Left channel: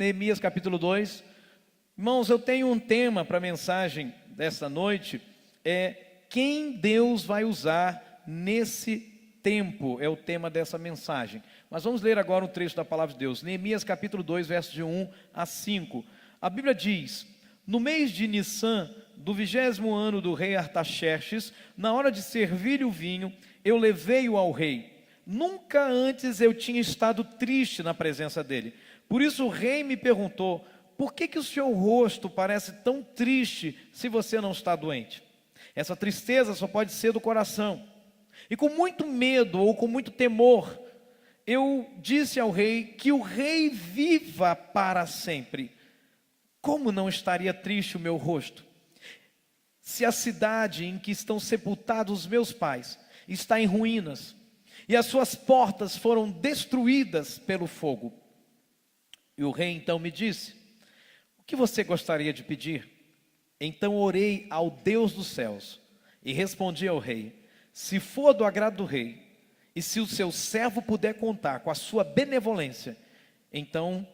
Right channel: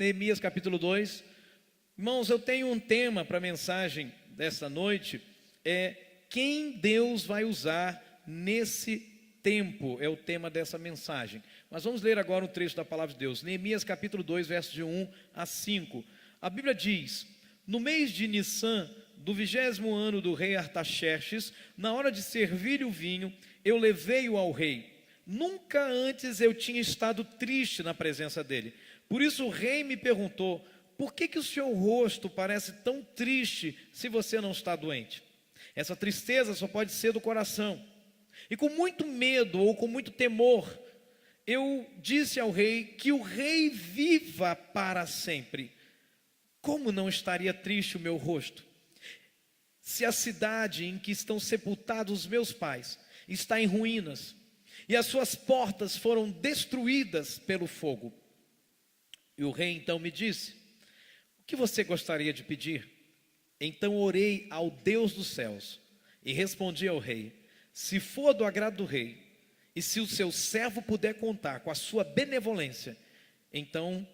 Neemias capítulo 2. Irmãos, eu tenho um tema para a mensagem dessa noite, quem Deus vai usar nesse tempo, é o tema dessa mensagem. Mas vamos ler agora um trecho da palavra de Deus, Neemias capítulo 2, versos de 1 a 5. A Bíblia diz: no mês de Nissan, do 20º ano do rei Artaxerxes, na hora de servir o vinho, eu levei-o ao rei. Nunca antes eu tinha estado triste na presença dele. Por isso o rei me perguntou: por que o seu rosto parece tão triste se você não está doente? Essa tristeza só pode ser do coração. E com muito medo ou com muito temor, eu disse ao rei que o rei viva para sempre. Como não estaria triste o meu rosto, se a cidade em que estão sepultados os meus pais está em ruínas, e as suas portas foram destruídas pelo fogo? E o rei então me disse: o que você gostaria de pedir? Então orei ao Deus dos céus e respondi ao rei: se for do agrado do rei, e se o seu servo puder contar com a sua benevolência, então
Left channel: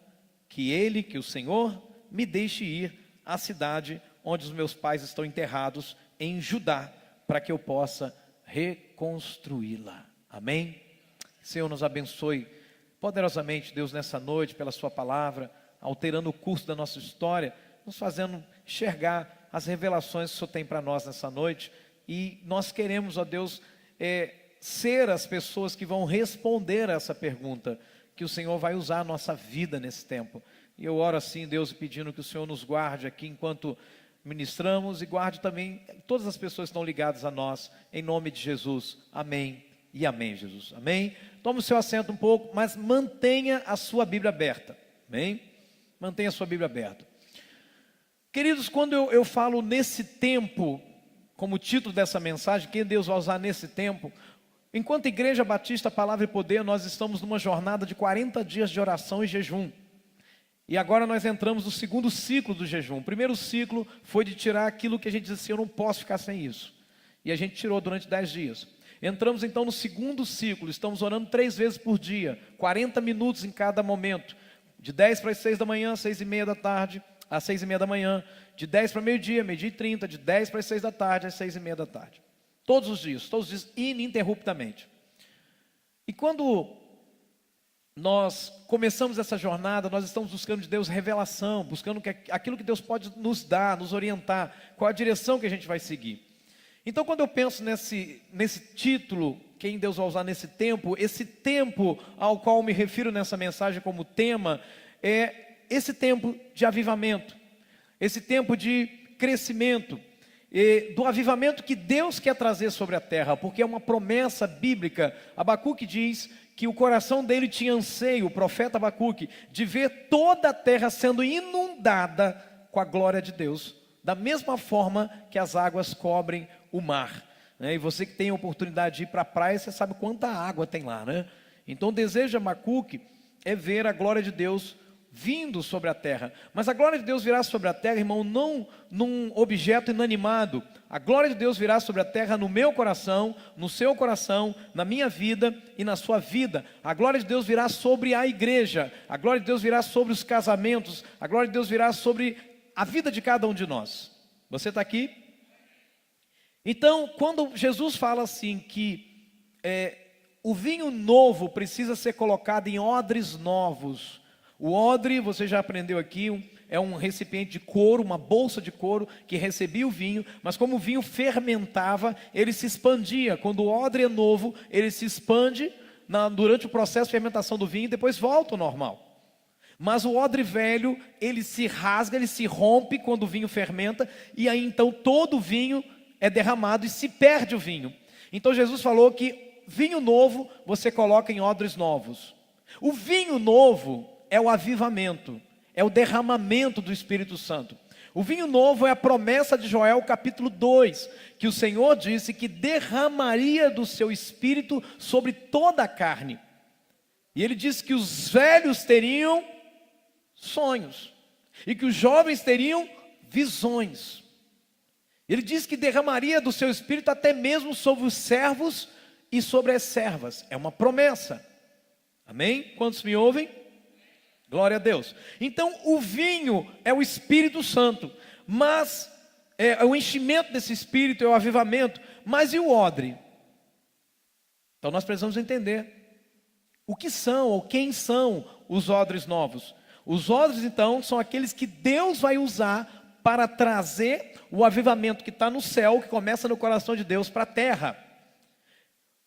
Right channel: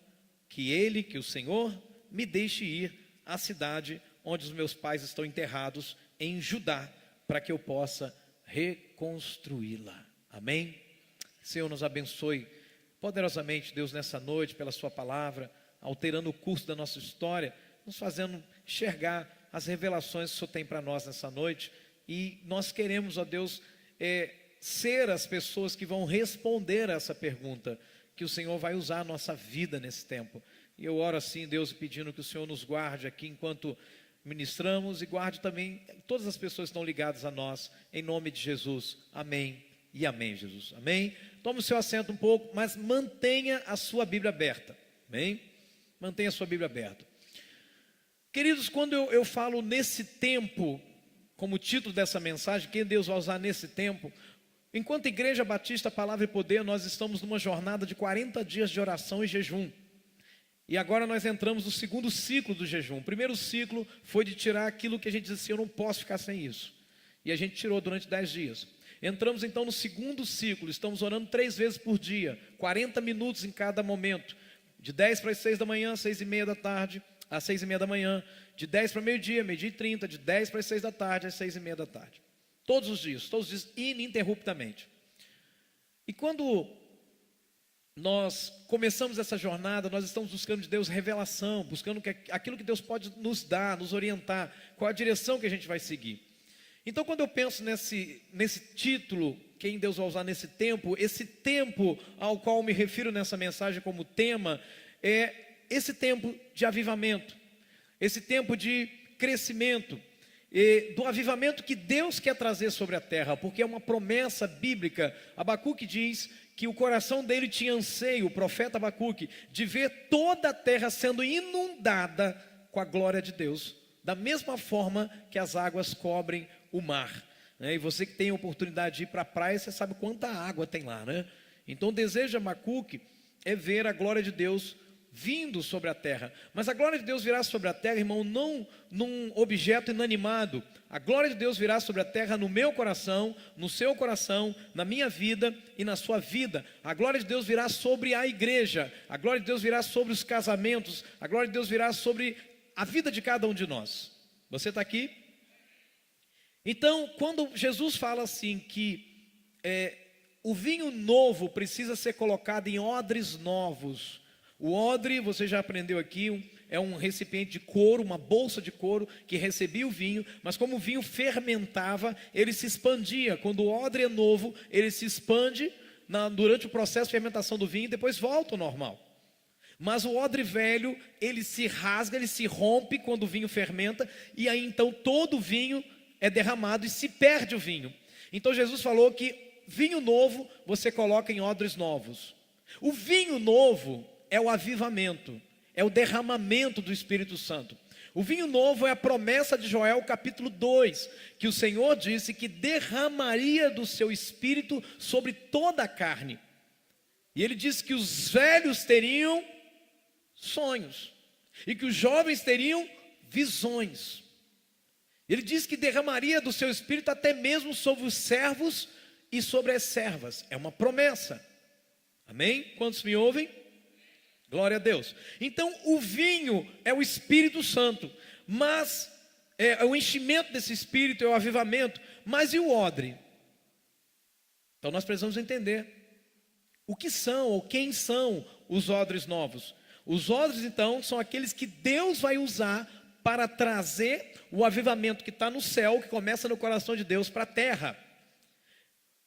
que o Senhor me deixe ir à cidade onde os meus pais estão enterrados em Judá, para que eu possa reconstruí-la. Amém? Senhor, nos abençoe poderosamente, Deus, nessa noite, pela sua palavra, alterando o curso da nossa história, nos fazendo enxergar as revelações que o Senhor tem para nós nessa noite. E nós queremos, ó Deus, ser as pessoas que vão responder a essa pergunta, que o Senhor vai usar a nossa vida nesse tempo. E eu oro assim, Deus, pedindo que o Senhor nos guarde aqui enquanto ministramos, e guarde também todas as pessoas que estão ligadas a nós, em nome de Jesus. Amém e amém, Jesus. Amém? Tome o seu assento um pouco, mas mantenha a sua Bíblia aberta. Amém? Mantenha a sua Bíblia aberta. Queridos, quando eu falo nesse tempo, como título dessa mensagem, quem Deus vai usar nesse tempo, enquanto Igreja Batista Palavra e Poder, nós estamos numa jornada de 40 dias de oração e jejum. E agora nós entramos no segundo ciclo do jejum. O primeiro ciclo foi de tirar aquilo que a gente disse assim: eu não posso ficar sem isso. E a gente tirou durante 10 dias. Entramos então no segundo ciclo, estamos orando 3 vezes por dia, 40 minutos em cada momento. De 10 para as 6 da manhã, 6:30 da tarde, às 6:30 da manhã. De 10 para meio-dia, 12:30, de 10 para as 6 da tarde, às 6:30 da tarde. Todos os dias, ininterruptamente. E quando nós começamos essa jornada, nós estamos buscando de Deus revelação, buscando aquilo que Deus pode nos dar, nos orientar, qual a direção que a gente vai seguir. Então, quando eu penso nesse título, quem Deus vai usar nesse tempo, esse tempo ao qual me refiro nessa mensagem como tema, é esse tempo de avivamento, esse tempo de crescimento, do avivamento que Deus quer trazer sobre a terra, porque é uma promessa bíblica. Abacuque diz que o coração dele tinha anseio, o profeta Abacuque, de ver toda a terra sendo inundada com a glória de Deus, da mesma forma que as águas cobrem o mar, né? E você que tem a oportunidade de ir para a praia, você sabe quanta água tem lá, né? Então o desejo de Abacuque é ver a glória de Deus vindo sobre a terra. Mas a glória de Deus virá sobre a terra, irmão, não num objeto inanimado. A glória de Deus virá sobre a terra no meu coração, no seu coração, na minha vida e na sua vida. A glória de Deus virá sobre a igreja. A glória de Deus virá sobre os casamentos. A glória de Deus virá sobre a vida de cada um de nós. Você está aqui? Então, quando Jesus fala assim que o vinho novo precisa ser colocado em odres novos. O odre, você já aprendeu aqui, é um recipiente de couro, uma bolsa de couro que recebia o vinho, mas como o vinho fermentava, ele se expandia. Quando o odre é novo, ele se expande durante o processo de fermentação do vinho e depois volta ao normal. Mas o odre velho, ele se rasga, ele se rompe quando o vinho fermenta, e aí então todo o vinho é derramado e se perde o vinho. Então Jesus falou que vinho novo você coloca em odres novos. O vinho novo é o avivamento, é o derramamento do Espírito Santo. O vinho novo é a promessa de Joel capítulo 2, que o Senhor disse que derramaria do seu Espírito sobre toda a carne. E ele disse que os velhos teriam sonhos, e que os jovens teriam visões. Ele disse que derramaria do seu Espírito até mesmo sobre os servos e sobre as servas. É uma promessa. Amém? Quantos me ouvem? Glória a Deus. Então o vinho é o Espírito Santo, mas o enchimento desse Espírito é o avivamento. Mas e o odre? Então nós precisamos entender o que são ou quem são os odres novos. Os odres então são aqueles que Deus vai usar para trazer o avivamento que está no céu, que começa no coração de Deus para a terra.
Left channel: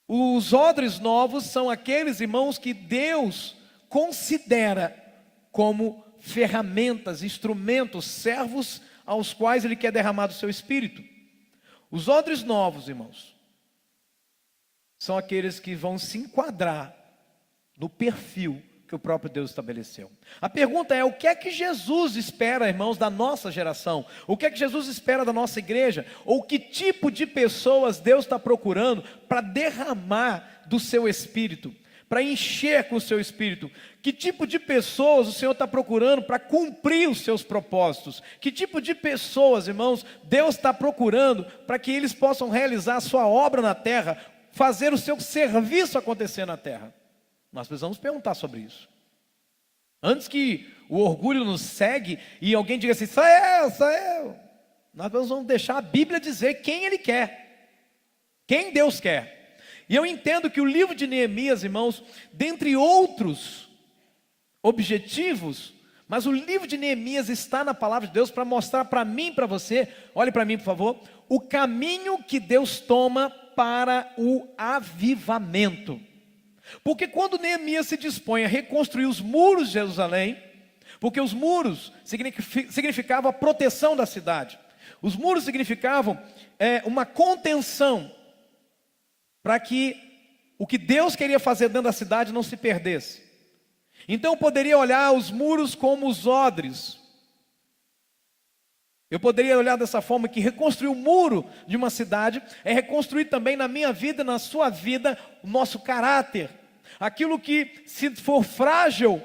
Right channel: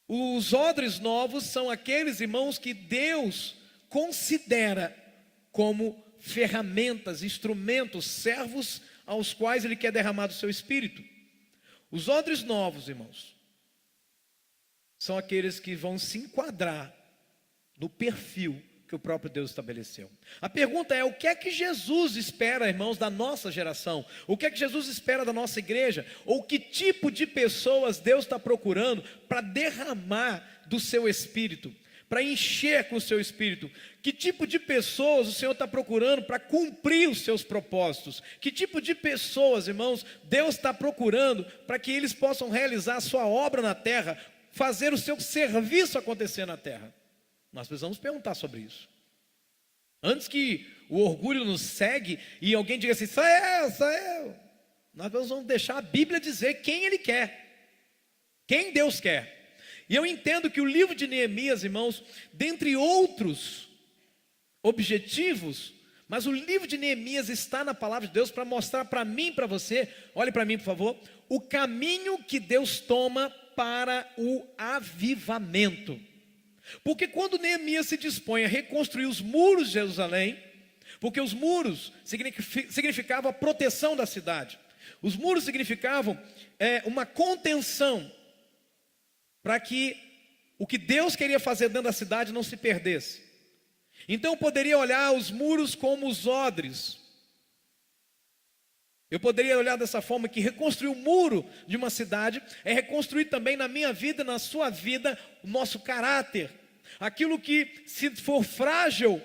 Os odres novos são aqueles, irmãos, que Deus considera como ferramentas, instrumentos, servos aos quais Ele quer derramar do seu Espírito. Os odres novos, irmãos, são aqueles que vão se enquadrar no perfil que o próprio Deus estabeleceu. A pergunta é: o que é que Jesus espera, irmãos, da nossa geração? O que é que Jesus espera da nossa igreja? Ou que tipo de pessoas Deus está procurando para derramar do seu Espírito, para encher com o seu Espírito? Que tipo de pessoas o Senhor está procurando para cumprir os seus propósitos? Que tipo de pessoas, irmãos, Deus está procurando para que eles possam realizar a sua obra na terra, fazer o seu serviço acontecer na terra? Nós precisamos perguntar sobre isso. Antes que o orgulho nos segue e alguém diga assim: sou eu. Nós vamos deixar a Bíblia dizer quem Ele quer, quem Deus quer. E eu entendo que o livro de Neemias, irmãos, dentre outros objetivos, mas o livro de Neemias está na palavra de Deus para mostrar para mim e para você, olhe para mim por favor, o caminho que Deus toma para o avivamento. Porque quando Neemias se dispõe a reconstruir os muros de Jerusalém, porque os muros significavam a proteção da cidade, os muros significavam uma contenção, para que o que Deus queria fazer dentro da cidade não se perdesse. Então eu poderia olhar os muros como os odres. Eu poderia olhar dessa forma, que reconstruir o muro de uma cidade é reconstruir também na minha vida, na sua vida, o nosso caráter. Aquilo que se for frágil,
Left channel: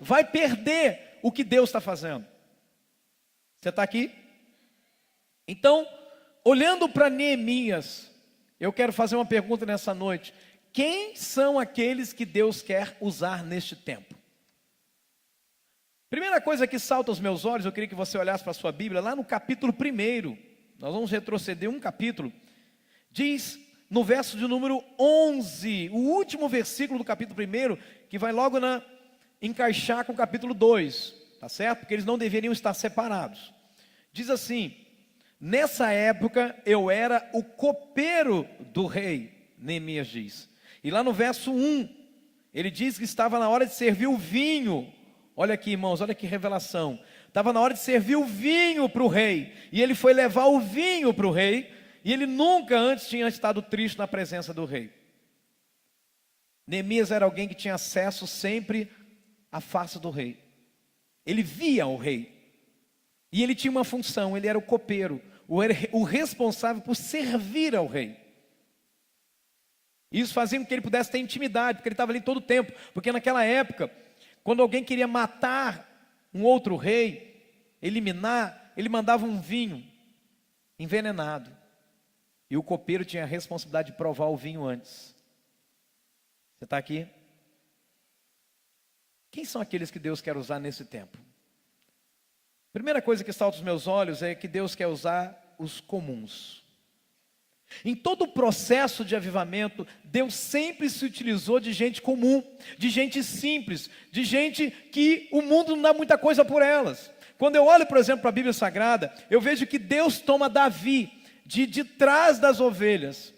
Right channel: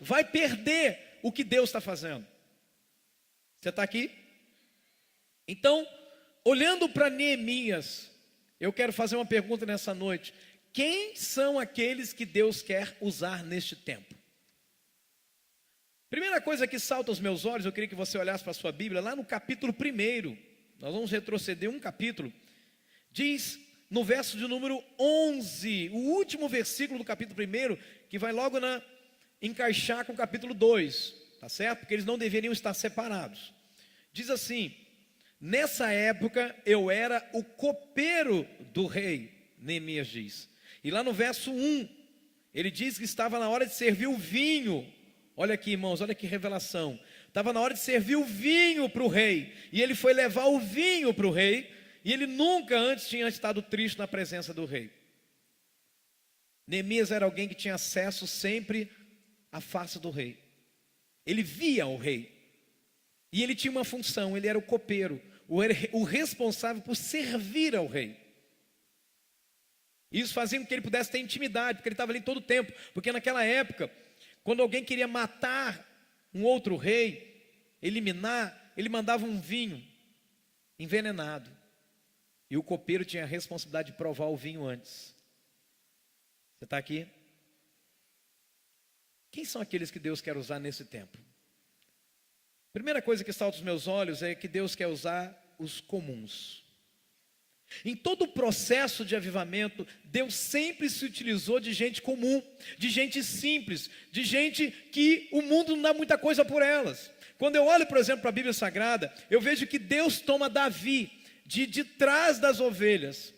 vai perder o que Deus está fazendo. Você está aqui? Então, olhando para Neemias, eu quero fazer uma pergunta nessa noite: quem são aqueles que Deus quer usar neste tempo? Primeira coisa que salta aos meus olhos, eu queria que você olhasse para a sua Bíblia, lá no capítulo 1, nós vamos retroceder um capítulo, diz no verso de número 11, o último versículo do capítulo 1, que vai logo encaixar com o capítulo 2, tá certo? Porque eles não deveriam estar separados. Diz assim: nessa época eu era o copeiro do rei, Neemias diz. E lá no verso 1, ele diz que estava na hora de servir o vinho. Olha aqui, irmãos, olha que revelação. Estava na hora de servir o vinho para o rei, e ele foi levar o vinho para o rei, e ele nunca antes tinha estado triste na presença do rei. Neemias era alguém que tinha acesso sempre à face do rei. Ele via o rei, e ele tinha uma função: ele era o copeiro, o responsável por servir ao rei. Isso fazia com que ele pudesse ter intimidade, porque ele estava ali todo o tempo. Porque naquela época, quando alguém queria matar um outro rei, eliminar, ele mandava um vinho envenenado, e o copeiro tinha a responsabilidade de provar o vinho antes. Você está aqui? Quem são aqueles que Deus quer usar nesse tempo? Primeira coisa que salta aos meus olhos é que Deus quer usar os comuns. Em todo o processo de avivamento, Deus sempre se utilizou de gente comum, de gente simples, de gente que o mundo não dá muita coisa por elas. Quando eu olho, por exemplo, para a Bíblia Sagrada, eu vejo que Deus toma Davi de trás das ovelhas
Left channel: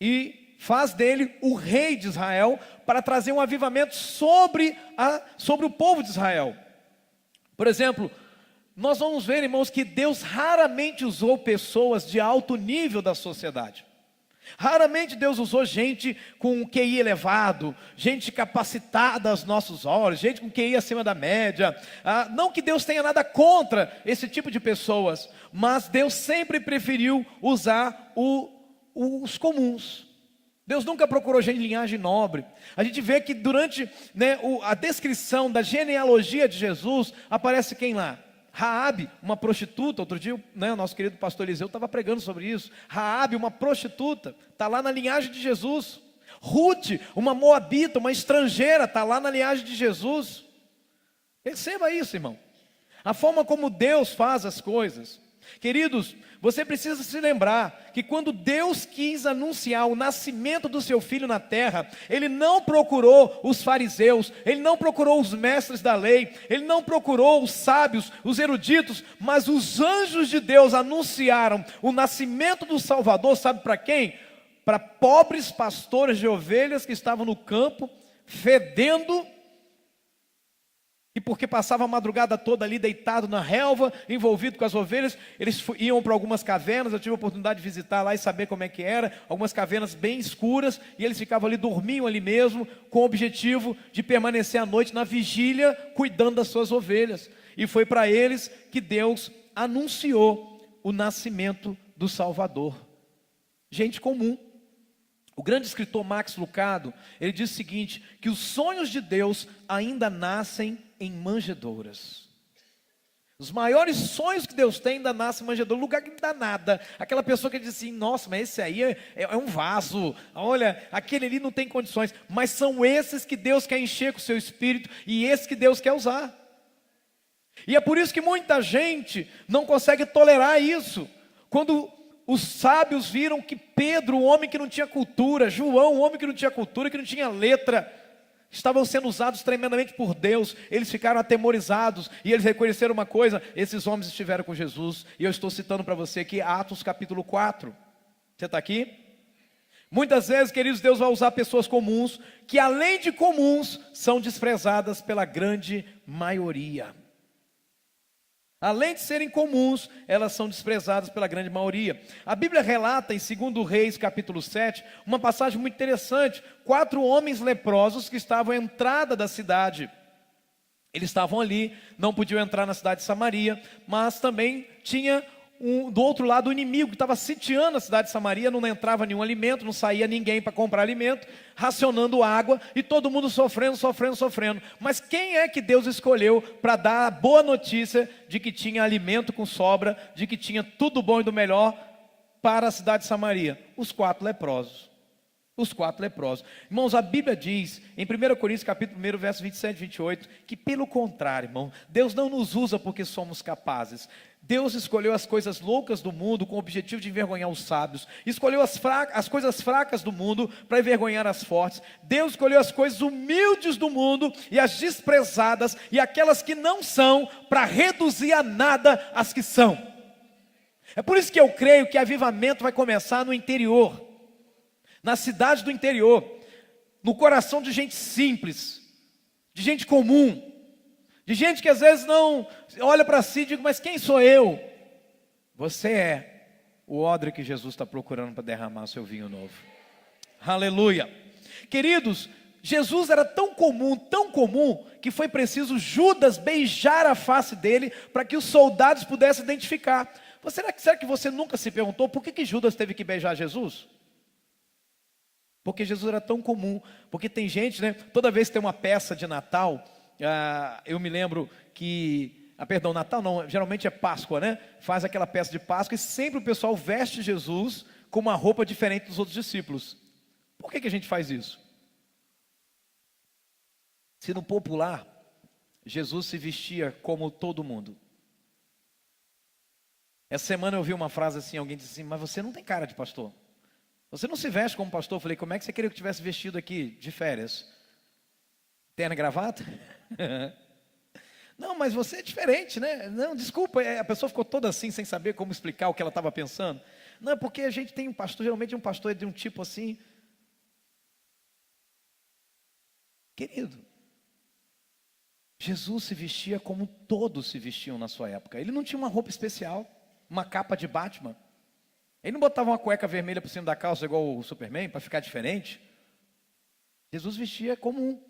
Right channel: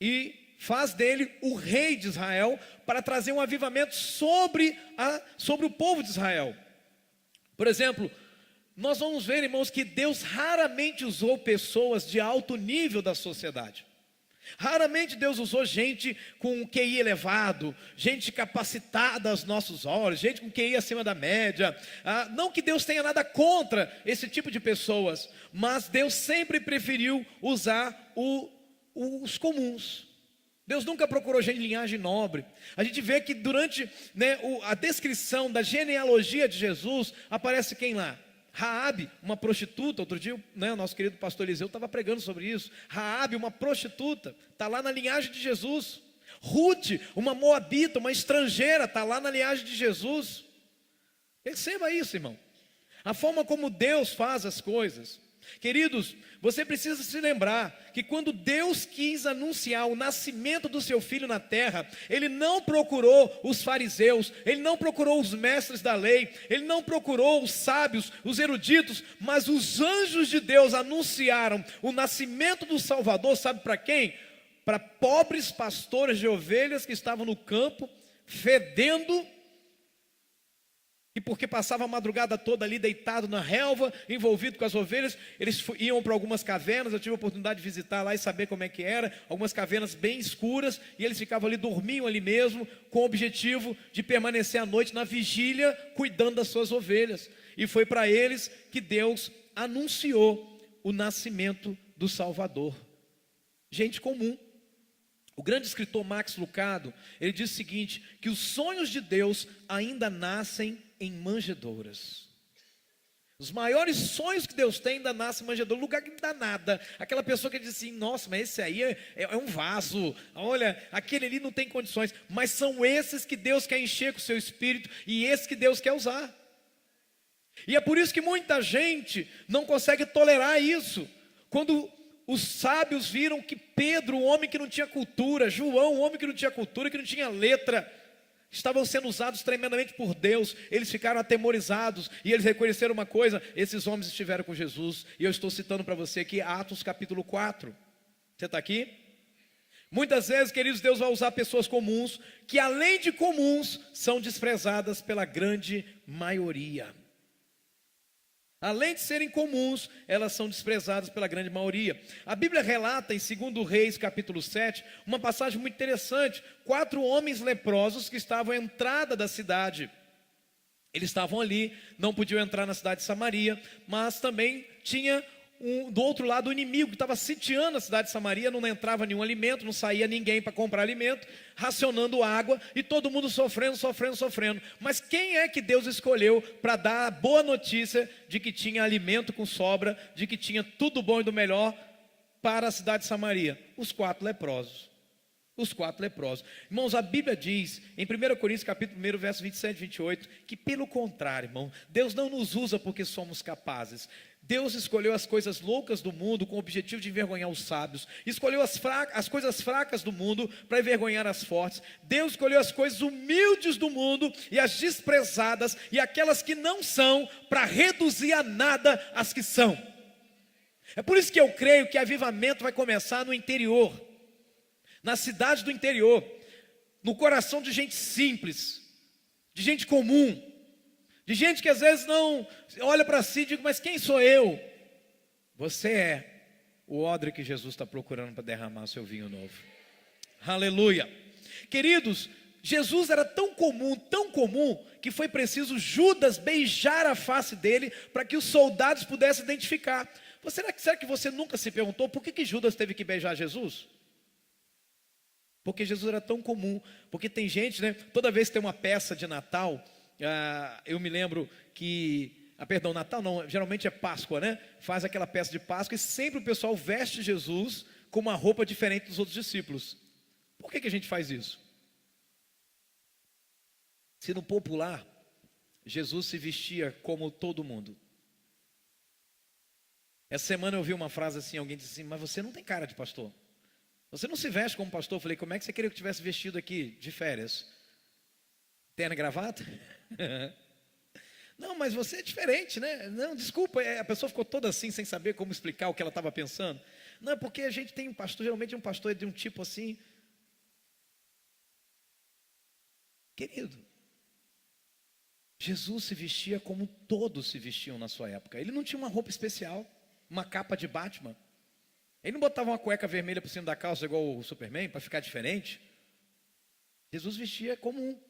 e faz dele o rei de Israel, para trazer um avivamento sobre o povo de Israel. Por exemplo, nós vamos ver, irmãos, que Deus raramente usou pessoas de alto nível da sociedade. Raramente Deus usou gente com um QI elevado, gente capacitada aos nossos olhos, gente com QI acima da média. Não que Deus tenha nada contra esse tipo de pessoas, mas Deus sempre preferiu usar os comuns. Deus nunca procurou gente de linhagem nobre. A gente vê que durante a descrição da genealogia de Jesus, aparece quem lá? Raabe, uma prostituta. Outro dia, o nosso querido pastor Eliseu estava pregando sobre isso. Raabe, uma prostituta, está lá na linhagem de Jesus. Ruth, uma moabita, uma estrangeira, está lá na linhagem de Jesus. Perceba isso, irmão. A forma como Deus faz as coisas. Queridos, você precisa se lembrar que quando Deus quis anunciar o nascimento do seu filho na terra, Ele não procurou os fariseus, Ele não procurou os mestres da lei, Ele não procurou os sábios, os eruditos, mas os anjos de Deus anunciaram o nascimento do Salvador, sabe para quem? Para pobres pastores de ovelhas que estavam no campo, fedendo, e porque passava a madrugada toda ali deitado na relva, envolvido com as ovelhas, eles iam para algumas cavernas. Eu tive a oportunidade de visitar lá e saber como é que era, algumas cavernas bem escuras, e eles ficavam ali, dormiam ali mesmo, com o objetivo de permanecer à noite na vigília, cuidando das suas ovelhas. E foi para eles que Deus anunciou o nascimento do Salvador. Gente comum. O grande escritor Max Lucado, ele diz o seguinte, que os sonhos de Deus ainda nascem em manjedouras. Os maiores sonhos que Deus tem ainda nascem em manjedoura, lugar que não dá nada. Aquela pessoa que diz assim, nossa, mas esse aí é um vaso, olha, aquele ali não tem condições. Mas são esses que Deus quer encher com o seu espírito, e esses que Deus quer usar. E é por isso que muita gente não consegue tolerar isso. Quando os sábios viram que Pedro, um homem que não tinha cultura, João, um homem que não tinha cultura, que não tinha letra, estavam sendo usados tremendamente por Deus, eles ficaram atemorizados, e eles reconheceram uma coisa, esses homens estiveram com Jesus, e eu estou citando para você aqui, Atos capítulo 4, você está aqui? Muitas vezes, queridos, Deus vai usar pessoas comuns, que além de comuns, são desprezadas pela grande maioria. Além de serem comuns, elas são desprezadas pela grande maioria. A Bíblia relata em 2 Reis, capítulo 7, uma passagem muito interessante. 4 homens leprosos que estavam à entrada da cidade. Eles estavam ali, não podiam entrar na cidade de Samaria, mas também tinha do outro lado o inimigo que estava sitiando a cidade de Samaria. Não entrava nenhum alimento, não saía ninguém para comprar alimento, racionando água, e todo mundo sofrendo. Mas quem é que Deus escolheu para dar a boa notícia de que tinha alimento com sobra, de que tinha tudo bom e do melhor para a cidade de Samaria? Os 4 leprosos. Os 4 leprosos. Irmãos, a Bíblia diz, em 1 Coríntios capítulo 1, verso 27 e 28, que pelo contrário, irmão, Deus não nos usa porque somos capazes. Deus escolheu as coisas loucas do mundo com o objetivo de envergonhar os sábios. Escolheu as coisas fracas do mundo para envergonhar as fortes. Deus escolheu as coisas humildes do mundo e as desprezadas e aquelas que não são, para reduzir a nada as que são. É por isso que eu creio que avivamento vai começar no interior, na cidade do interior, no coração de gente simples, de gente comum, de gente que às vezes não olha para si e diz, mas quem sou eu? Você é o odre que Jesus está procurando para derramar o seu vinho novo. Aleluia. Queridos, Jesus era tão comum, que foi preciso Judas beijar a face dele, para que os soldados pudessem identificar. Será que você nunca se perguntou, por que Judas teve que beijar Jesus? Porque Jesus era tão comum, porque tem gente, né, toda vez que tem uma peça de Natal, eu me lembro que, Natal não, geralmente é Páscoa, né? Faz aquela peça de Páscoa e sempre o pessoal veste Jesus com uma roupa diferente dos outros discípulos. Por que a gente faz isso? Se no popular, Jesus se vestia como todo mundo. Essa semana eu ouvi uma frase assim, alguém disse assim, mas você não tem cara de pastor. Você não se veste como pastor. Eu falei, como é que você queria que eu tivesse vestido aqui de férias? Terno e gravata? Não, mas você é diferente, né? Não, desculpa, a pessoa ficou toda assim, sem saber como explicar o que ela estava pensando. Não, porque a gente tem um pastor, geralmente um pastor é de um tipo assim. Querido, Jesus se vestia como todos se vestiam na sua época. Ele não tinha uma roupa especial, uma capa de Batman. Ele não botava uma cueca vermelha por cima da calça igual o Superman, para ficar diferente. Jesus vestia comum.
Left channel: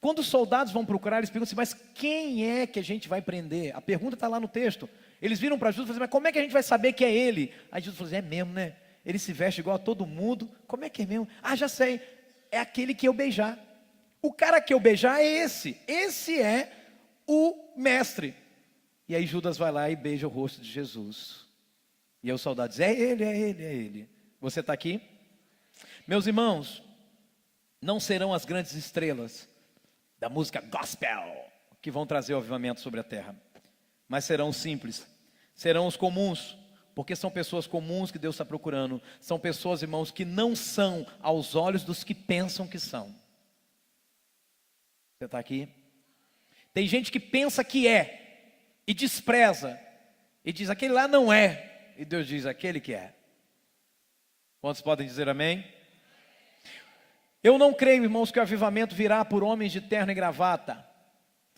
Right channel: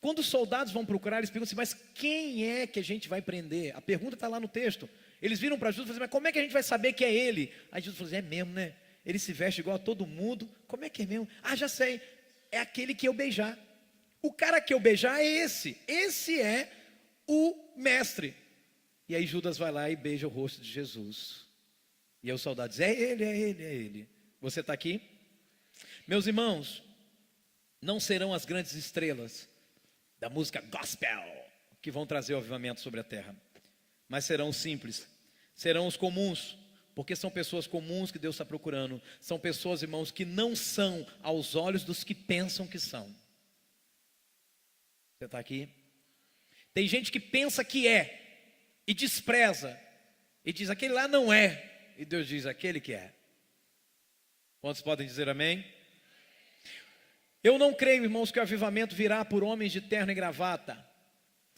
Quando os soldados vão procurar, eles perguntam assim, mas quem é que a gente vai prender? A pergunta está lá no texto. Eles viram para Jesus e falaram assim, mas como é que a gente vai saber que é ele? Aí Jesus falou assim, é mesmo, né? Ele se veste igual a todo mundo. Como é que é mesmo? Ah, já sei. É aquele que eu beijar. O cara que eu beijar é esse. Esse é o mestre. E aí Judas vai lá e beija o rosto de Jesus. E aí os soldados dizem, é ele. Você está aqui? Meus irmãos, não serão as grandes estrelas da música gospel que vão trazer o avivamento sobre a terra, mas serão os simples, serão os comuns, porque são pessoas comuns que Deus está procurando. São pessoas, irmãos, que não são aos olhos dos que pensam que são. Você está aqui? Tem gente que pensa que é e despreza e diz, aquele lá não é, e Deus diz, aquele que é. Quantos podem dizer amém? Eu não creio, irmãos, que o avivamento virá por homens de terno e gravata.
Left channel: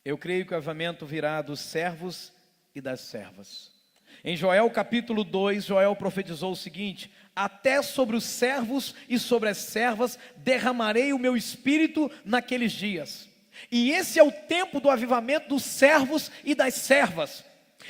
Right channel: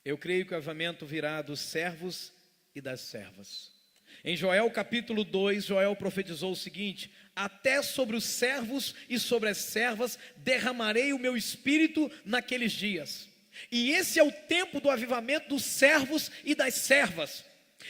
Eu creio que o avivamento virá dos servos e das servas. Em Joel capítulo 2, Joel profetizou o seguinte: até sobre os servos e sobre as servas derramarei o meu espírito naqueles dias. E esse é o tempo do avivamento dos servos e das servas,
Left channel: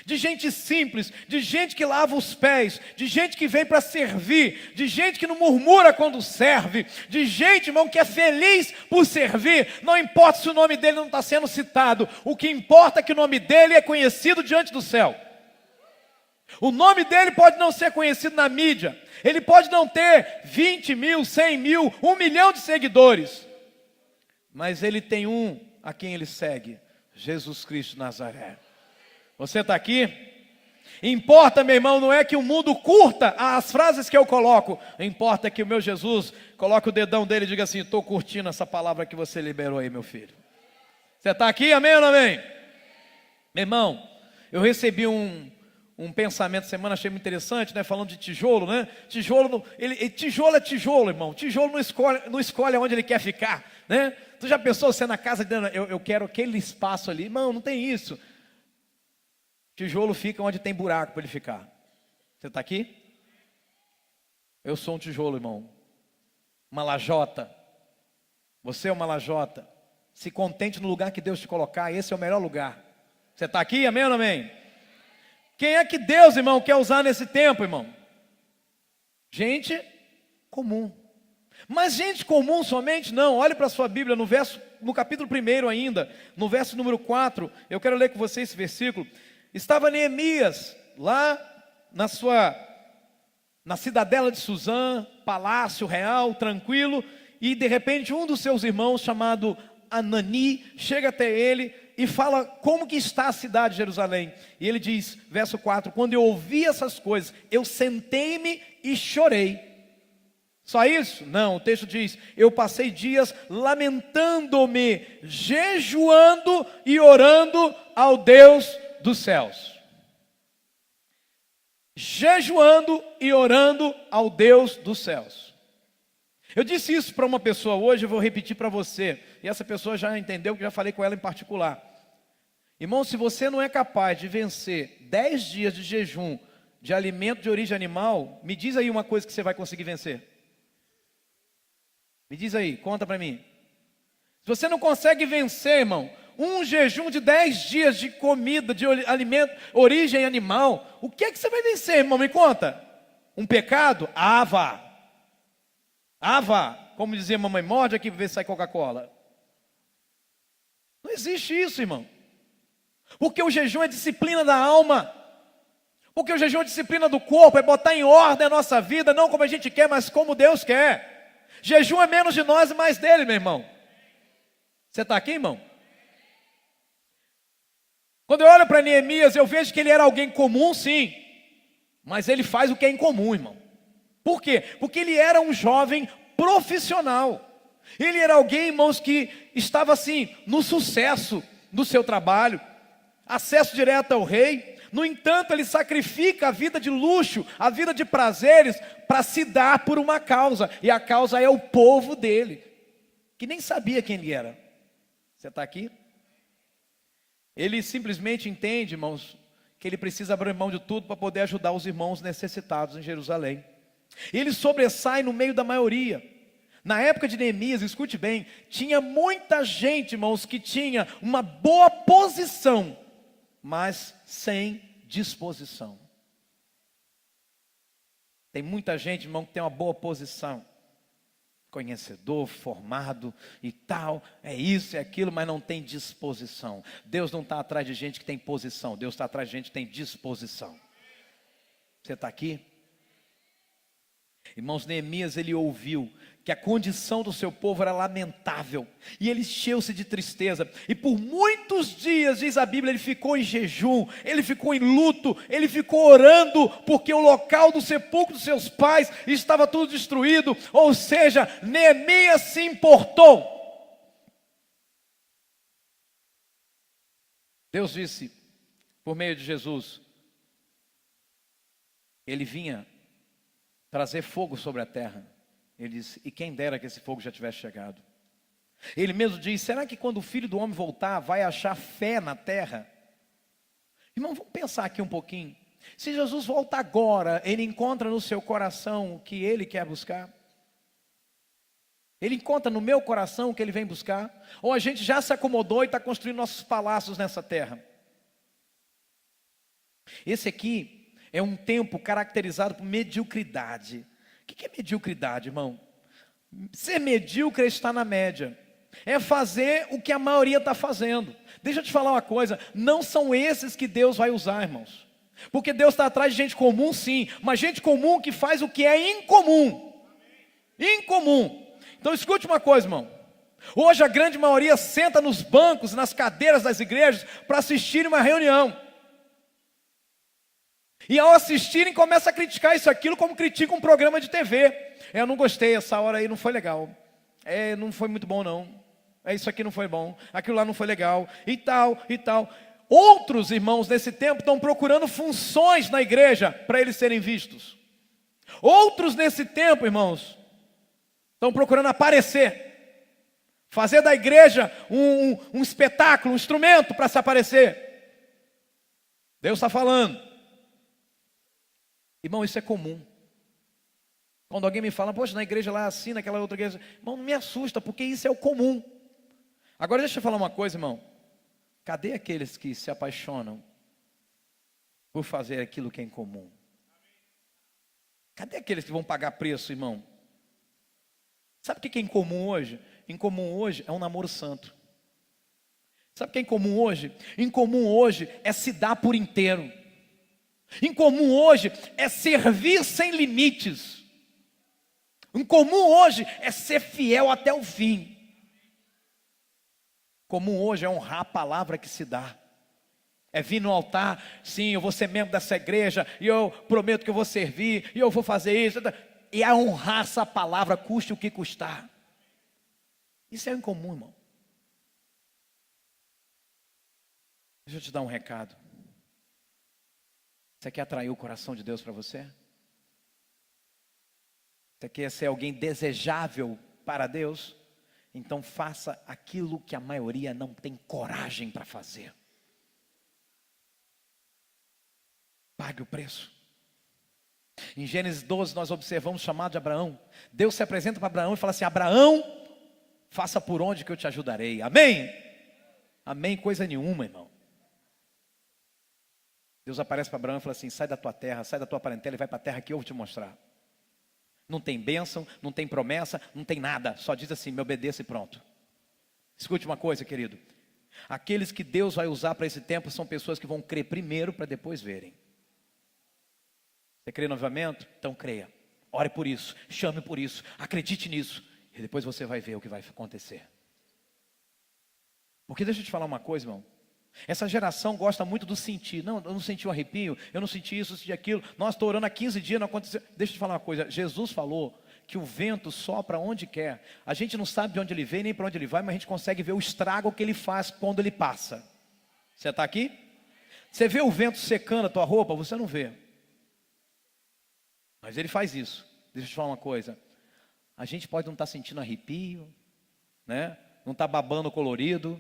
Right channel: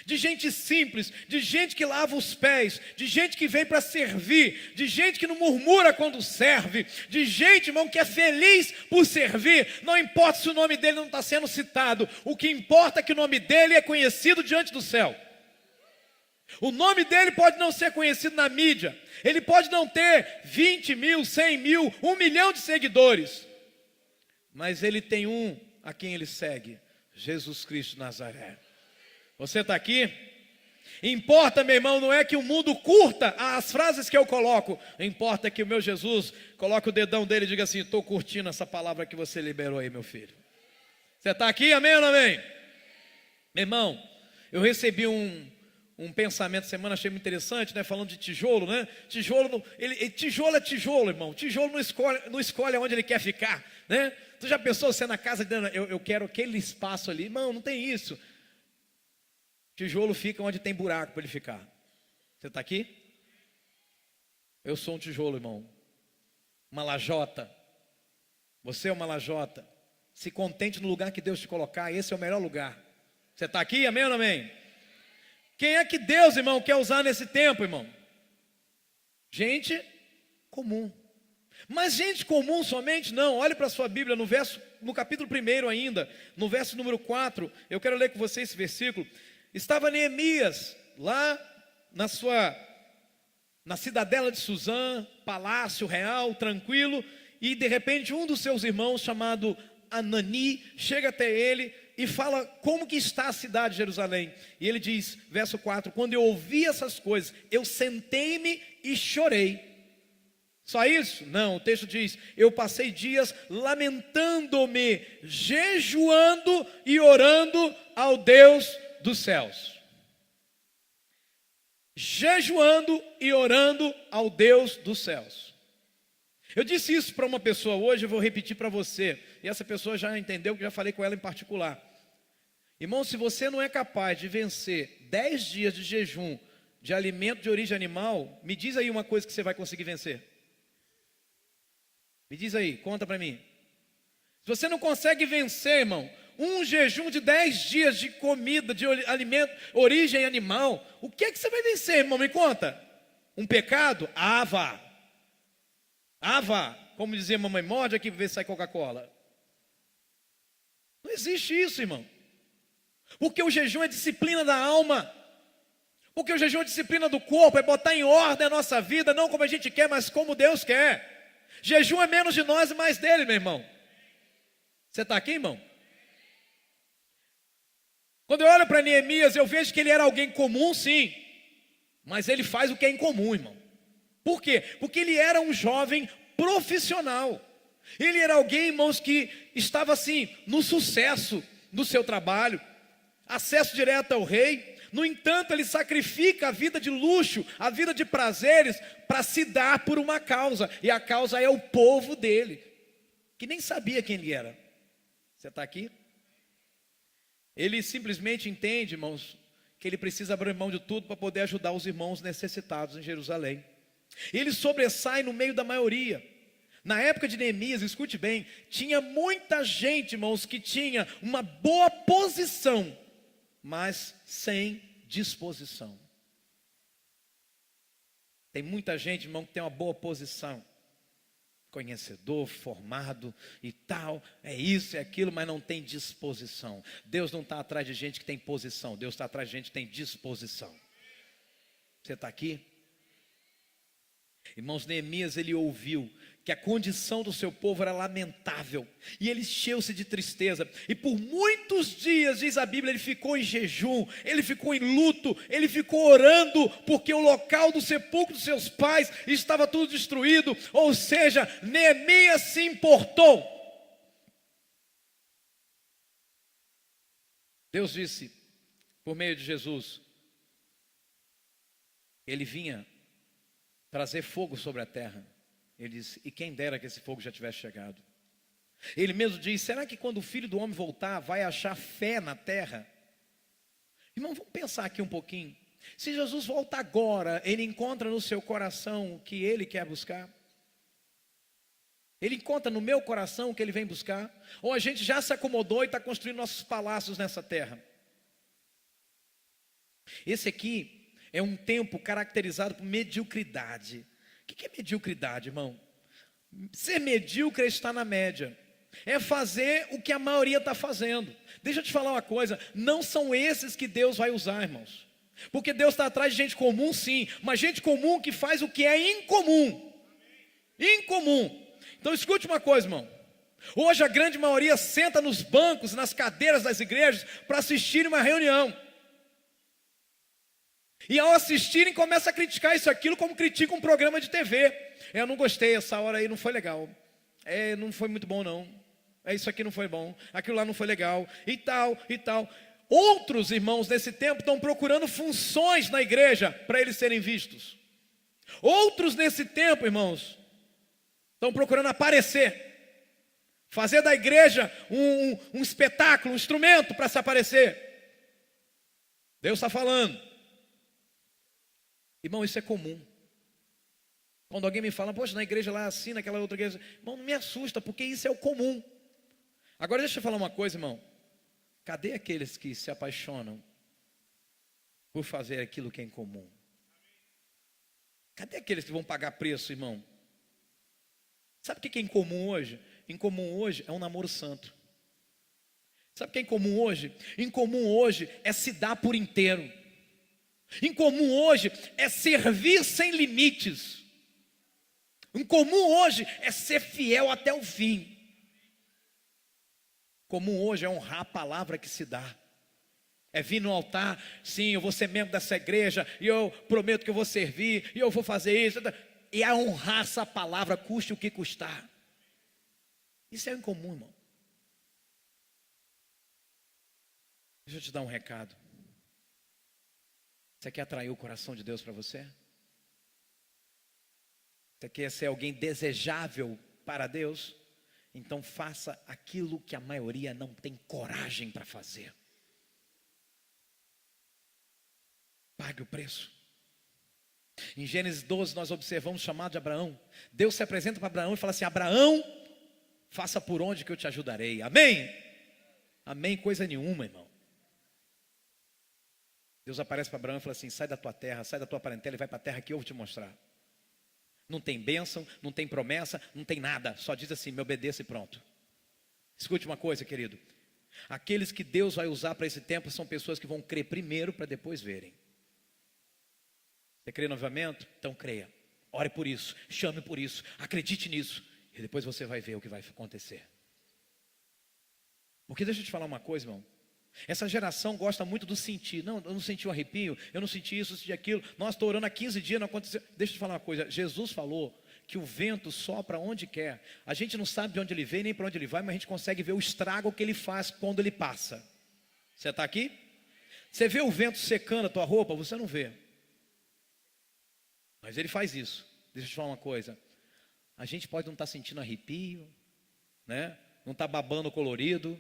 de gente simples, de gente que lava os pés, de gente que vem para servir, de gente que não murmura quando serve, de gente, irmão, que é feliz por servir. Não importa se o nome dele não está sendo citado, o que importa é que o nome dele é conhecido diante do céu. O nome dele pode não ser conhecido na mídia, ele pode não ter 20 mil, 100 mil, 1 milhão de seguidores, mas ele tem um a quem ele segue, Jesus Cristo de Nazaré. Você está aqui? Importa, meu irmão, não é que o mundo curta as frases que eu coloco, importa que o meu Jesus coloque o dedão dele e diga assim: estou curtindo essa palavra que você liberou aí, meu filho. Você está aqui, amém ou não amém? Meu irmão, eu recebi um pensamento essa semana, achei muito interessante, né? Falando de tijolo, né? Tijolo é tijolo, irmão. Tijolo não escolhe onde ele quer ficar, né? Tu já pensou, você na casa dizendo, eu quero aquele espaço ali? Irmão, não tem isso. Tijolo fica onde tem buraco para ele ficar. Você está aqui? Eu sou um tijolo, irmão. Uma lajota. Você é uma lajota. Se contente no lugar que Deus te colocar, esse é o melhor lugar. Você está aqui, amém ou não amém? Quem é que Deus, irmão, quer usar nesse tempo, irmão? Gente comum. Mas gente comum somente não. Olhe para a sua Bíblia no capítulo 1 ainda, no verso número 4, eu quero ler com você esse versículo. Estava Neemias lá na cidadela de Suzã, palácio real, tranquilo, e de repente um dos seus irmãos, chamado Anani, chega até ele e fala como que está a cidade de Jerusalém. E ele diz, verso 4, quando eu ouvi essas coisas, eu sentei-me e chorei. Só isso? Não, o texto diz, eu passei dias lamentando-me, jejuando e orando ao Deus dos céus. Jejuando e orando ao Deus dos céus. Eu disse isso para uma pessoa hoje, eu vou repetir para você. E essa pessoa já entendeu, que já falei com ela em particular. Irmão, se você não é capaz de vencer 10 dias de jejum de alimento de origem animal, me diz aí uma coisa que você vai conseguir vencer. Me diz aí, conta para mim. Se você não consegue vencer, irmão, um jejum de 10 dias de comida, de alimento, origem animal, o que é que você vai vencer, irmão? Me conta. Um pecado? Ah, vá. Como dizia mamãe, morde aqui para ver se sai Coca-Cola. Não existe isso, irmão. Porque o jejum é disciplina da alma. Porque o jejum é disciplina do corpo, é botar em ordem a nossa vida, não como a gente quer, mas como Deus quer. Jejum é menos de nós e mais dele, meu irmão. Você está aqui, irmão? Quando eu olho para Neemias, eu vejo que ele era alguém comum, sim. Mas ele faz o que é incomum, irmão. Por quê? Porque ele era um jovem profissional. Ele era alguém, irmãos, que estava assim, no sucesso do seu trabalho. Acesso direto ao rei. No entanto, ele sacrifica a vida de luxo, a vida de prazeres, para se dar por uma causa. E a causa é o povo dele, que nem sabia quem ele era. Você está aqui? Ele simplesmente entende, irmãos, que ele precisa abrir mão de tudo para poder ajudar os irmãos necessitados em Jerusalém. Ele sobressai no meio da maioria. Na época de Neemias, escute bem, tinha muita gente, irmãos, que tinha uma boa posição, mas sem disposição. Tem muita gente, irmão, que tem uma boa posição, conhecedor, formado e tal, é isso, é aquilo, mas não tem disposição. Deus não está atrás de gente que tem posição, Deus está atrás de gente que tem disposição. Você está aqui? Irmãos, Neemias, ele ouviu que a condição do seu povo era lamentável, e ele encheu-se de tristeza, e por muitos dias, diz a Bíblia, ele ficou em jejum, ele ficou em luto, ele ficou orando, porque o local do sepulcro dos seus pais estava tudo destruído. Ou seja, Neemias se importou. Deus disse, por meio de Jesus, ele vinha trazer fogo sobre a terra. Ele diz, e quem dera que esse fogo já tivesse chegado. Ele mesmo diz, será que quando o Filho do Homem voltar, vai achar fé na terra? Irmão, vamos pensar aqui um pouquinho. Se Jesus volta agora, ele encontra no seu coração o que ele quer buscar? Ele encontra no meu coração o que ele vem buscar? Ou a gente já se acomodou e está construindo nossos palácios nessa terra? Esse aqui é um tempo caracterizado por mediocridade. O que é mediocridade, irmão? Ser medíocre é estar na média. É fazer o que a maioria está fazendo. Deixa eu te falar uma coisa. Não são esses que Deus vai usar, irmãos. Porque Deus está atrás de gente comum, sim. Mas gente comum que faz o que é incomum. Incomum. Então escute uma coisa, irmão. Hoje a grande maioria senta nos bancos, nas cadeiras das igrejas para assistir uma reunião. E ao assistirem, começa a criticar isso, aquilo, como critica um programa de TV. Eu não gostei, essa hora aí não foi legal. Não foi muito bom não. Isso aqui não foi bom. Aquilo lá não foi legal. E tal, e tal. Outros irmãos nesse tempo estão procurando funções na igreja para eles serem vistos. Outros nesse tempo, irmãos, estão procurando aparecer. Fazer da igreja um espetáculo, um instrumento para se aparecer. Deus está falando. Irmão, isso é comum. Quando alguém me fala, poxa, na igreja lá assim, naquela outra igreja, irmão, não me assusta, porque isso é o comum. Agora deixa eu falar uma coisa, irmão. Cadê aqueles que se apaixonam por fazer aquilo que é incomum? Cadê aqueles que vão pagar preço, irmão? Sabe o que é incomum hoje? Incomum hoje é um namoro santo. Sabe o que é incomum hoje? Incomum hoje é se dar por inteiro. Incomum hoje é servir sem limites. Incomum hoje é ser fiel até o fim. Comum hoje é honrar a palavra que se dá. É vir no altar, sim, eu vou ser membro dessa igreja, e eu prometo que eu vou servir, e eu vou fazer isso. E é honrar essa palavra, custe o que custar. Isso é incomum, irmão. Deixa eu te dar um recado. Você quer atrair o coração de Deus para você? Você quer ser alguém desejável para Deus? Então faça aquilo que a maioria não tem coragem para fazer. Pague o preço. Em Gênesis 12 nós observamos o chamado de Abraão. Deus se apresenta para Abraão e fala assim: Abraão, faça por onde que eu te ajudarei. Amém? Amém coisa nenhuma, irmão. Deus aparece para Abraão e fala assim: sai da tua terra, sai da tua parentela e vai para a terra que eu vou te mostrar. Não tem bênção, não tem promessa, não tem nada. Só diz assim: me obedeça e pronto. Escute uma coisa, querido. Aqueles que Deus vai usar para esse tempo são pessoas que vão crer primeiro para depois verem. Você crê no avivamento? Então creia. Ore por isso, chame por isso, acredite nisso. E depois você vai ver o que vai acontecer. Porque deixa eu te falar uma coisa, irmão. Essa geração gosta muito do sentir. Não, eu não senti um arrepio, eu não senti isso, eu senti aquilo. Nós estou orando há 15 dias, não aconteceu. Deixa eu te falar uma coisa. Jesus falou que o vento sopra onde quer. A gente não sabe de onde ele vem, nem para onde ele vai, mas a gente consegue ver o estrago que ele faz quando ele passa. Você está aqui? Você vê o vento secando a tua roupa? Você não vê. Mas ele faz isso. Deixa eu te falar uma coisa. A gente pode não estar sentindo arrepio, né? Não está babando colorido,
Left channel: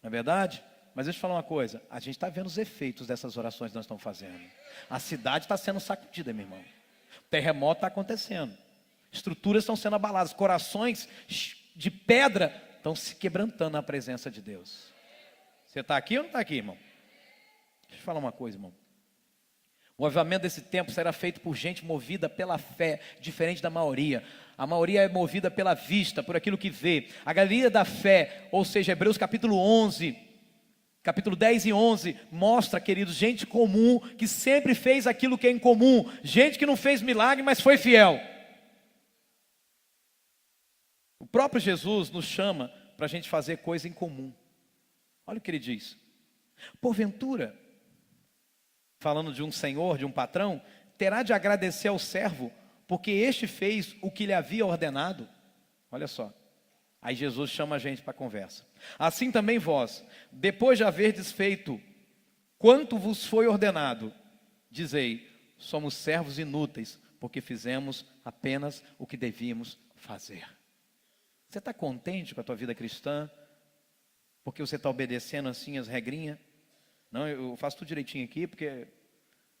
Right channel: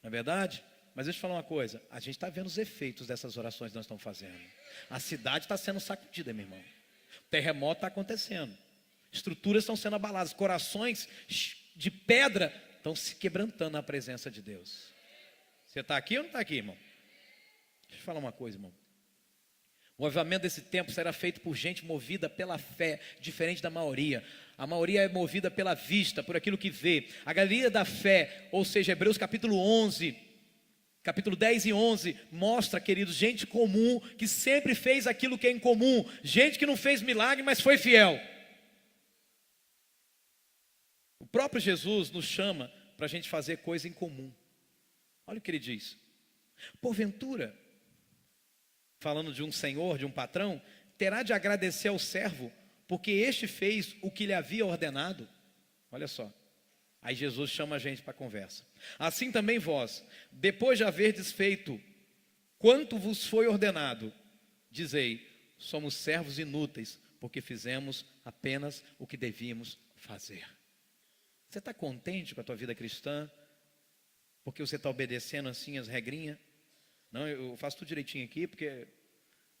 não é verdade? Mas deixa eu te falar uma coisa, a gente está vendo os efeitos dessas orações que nós estamos fazendo. A cidade está sendo sacudida, meu irmão. O terremoto está acontecendo. Estruturas estão sendo abaladas. Corações de pedra estão se quebrantando na presença de Deus. Você está aqui ou não está aqui, irmão? Deixa eu falar uma coisa, irmão. O avivamento desse tempo será feito por gente movida pela fé, diferente da maioria. A maioria é movida pela vista, por aquilo que vê. A galeria da fé, ou seja, Hebreus capítulo 11... Capítulo 10 e 11 mostra, queridos, gente comum que sempre fez aquilo que é incomum. Gente que não fez milagre, mas foi fiel. próprio Jesus nos chama para a gente fazer coisa em comum. Olha o que ele diz: porventura, falando de um senhor, de um patrão, terá de agradecer ao servo, porque este fez o que lhe havia ordenado. Olha só, aí Jesus chama a gente para a conversa. Assim também vós, depois de haverdes feito quanto vos foi ordenado, dizei: somos servos inúteis, porque fizemos apenas o que devíamos fazer. Você está contente com a tua vida cristã? Porque você está obedecendo assim as regrinhas? Não, eu faço tudo direitinho aqui, porque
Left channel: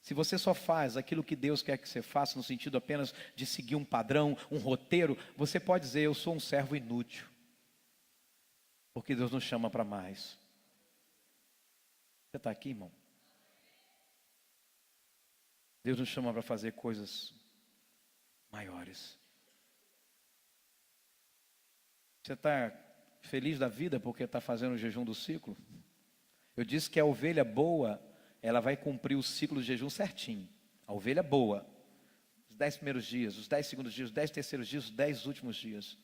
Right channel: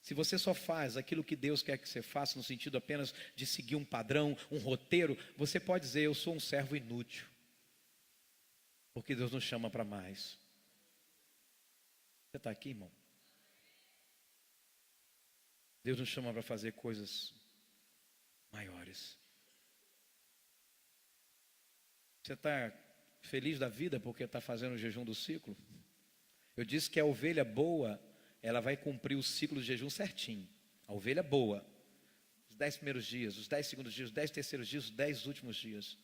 se você só faz aquilo que Deus quer que você faça, no sentido apenas de seguir um padrão, um roteiro, você pode dizer: eu sou um servo inútil. Porque Deus nos chama para mais. Você está aqui, irmão? Deus nos chama para fazer coisas maiores. Você está feliz da vida porque está fazendo o jejum do ciclo? Eu disse que a ovelha boa, ela vai cumprir o ciclo de jejum certinho. A ovelha boa, os 10 primeiros dias, os 10 segundos dias, os 10 terceiros dias, os 10 últimos dias.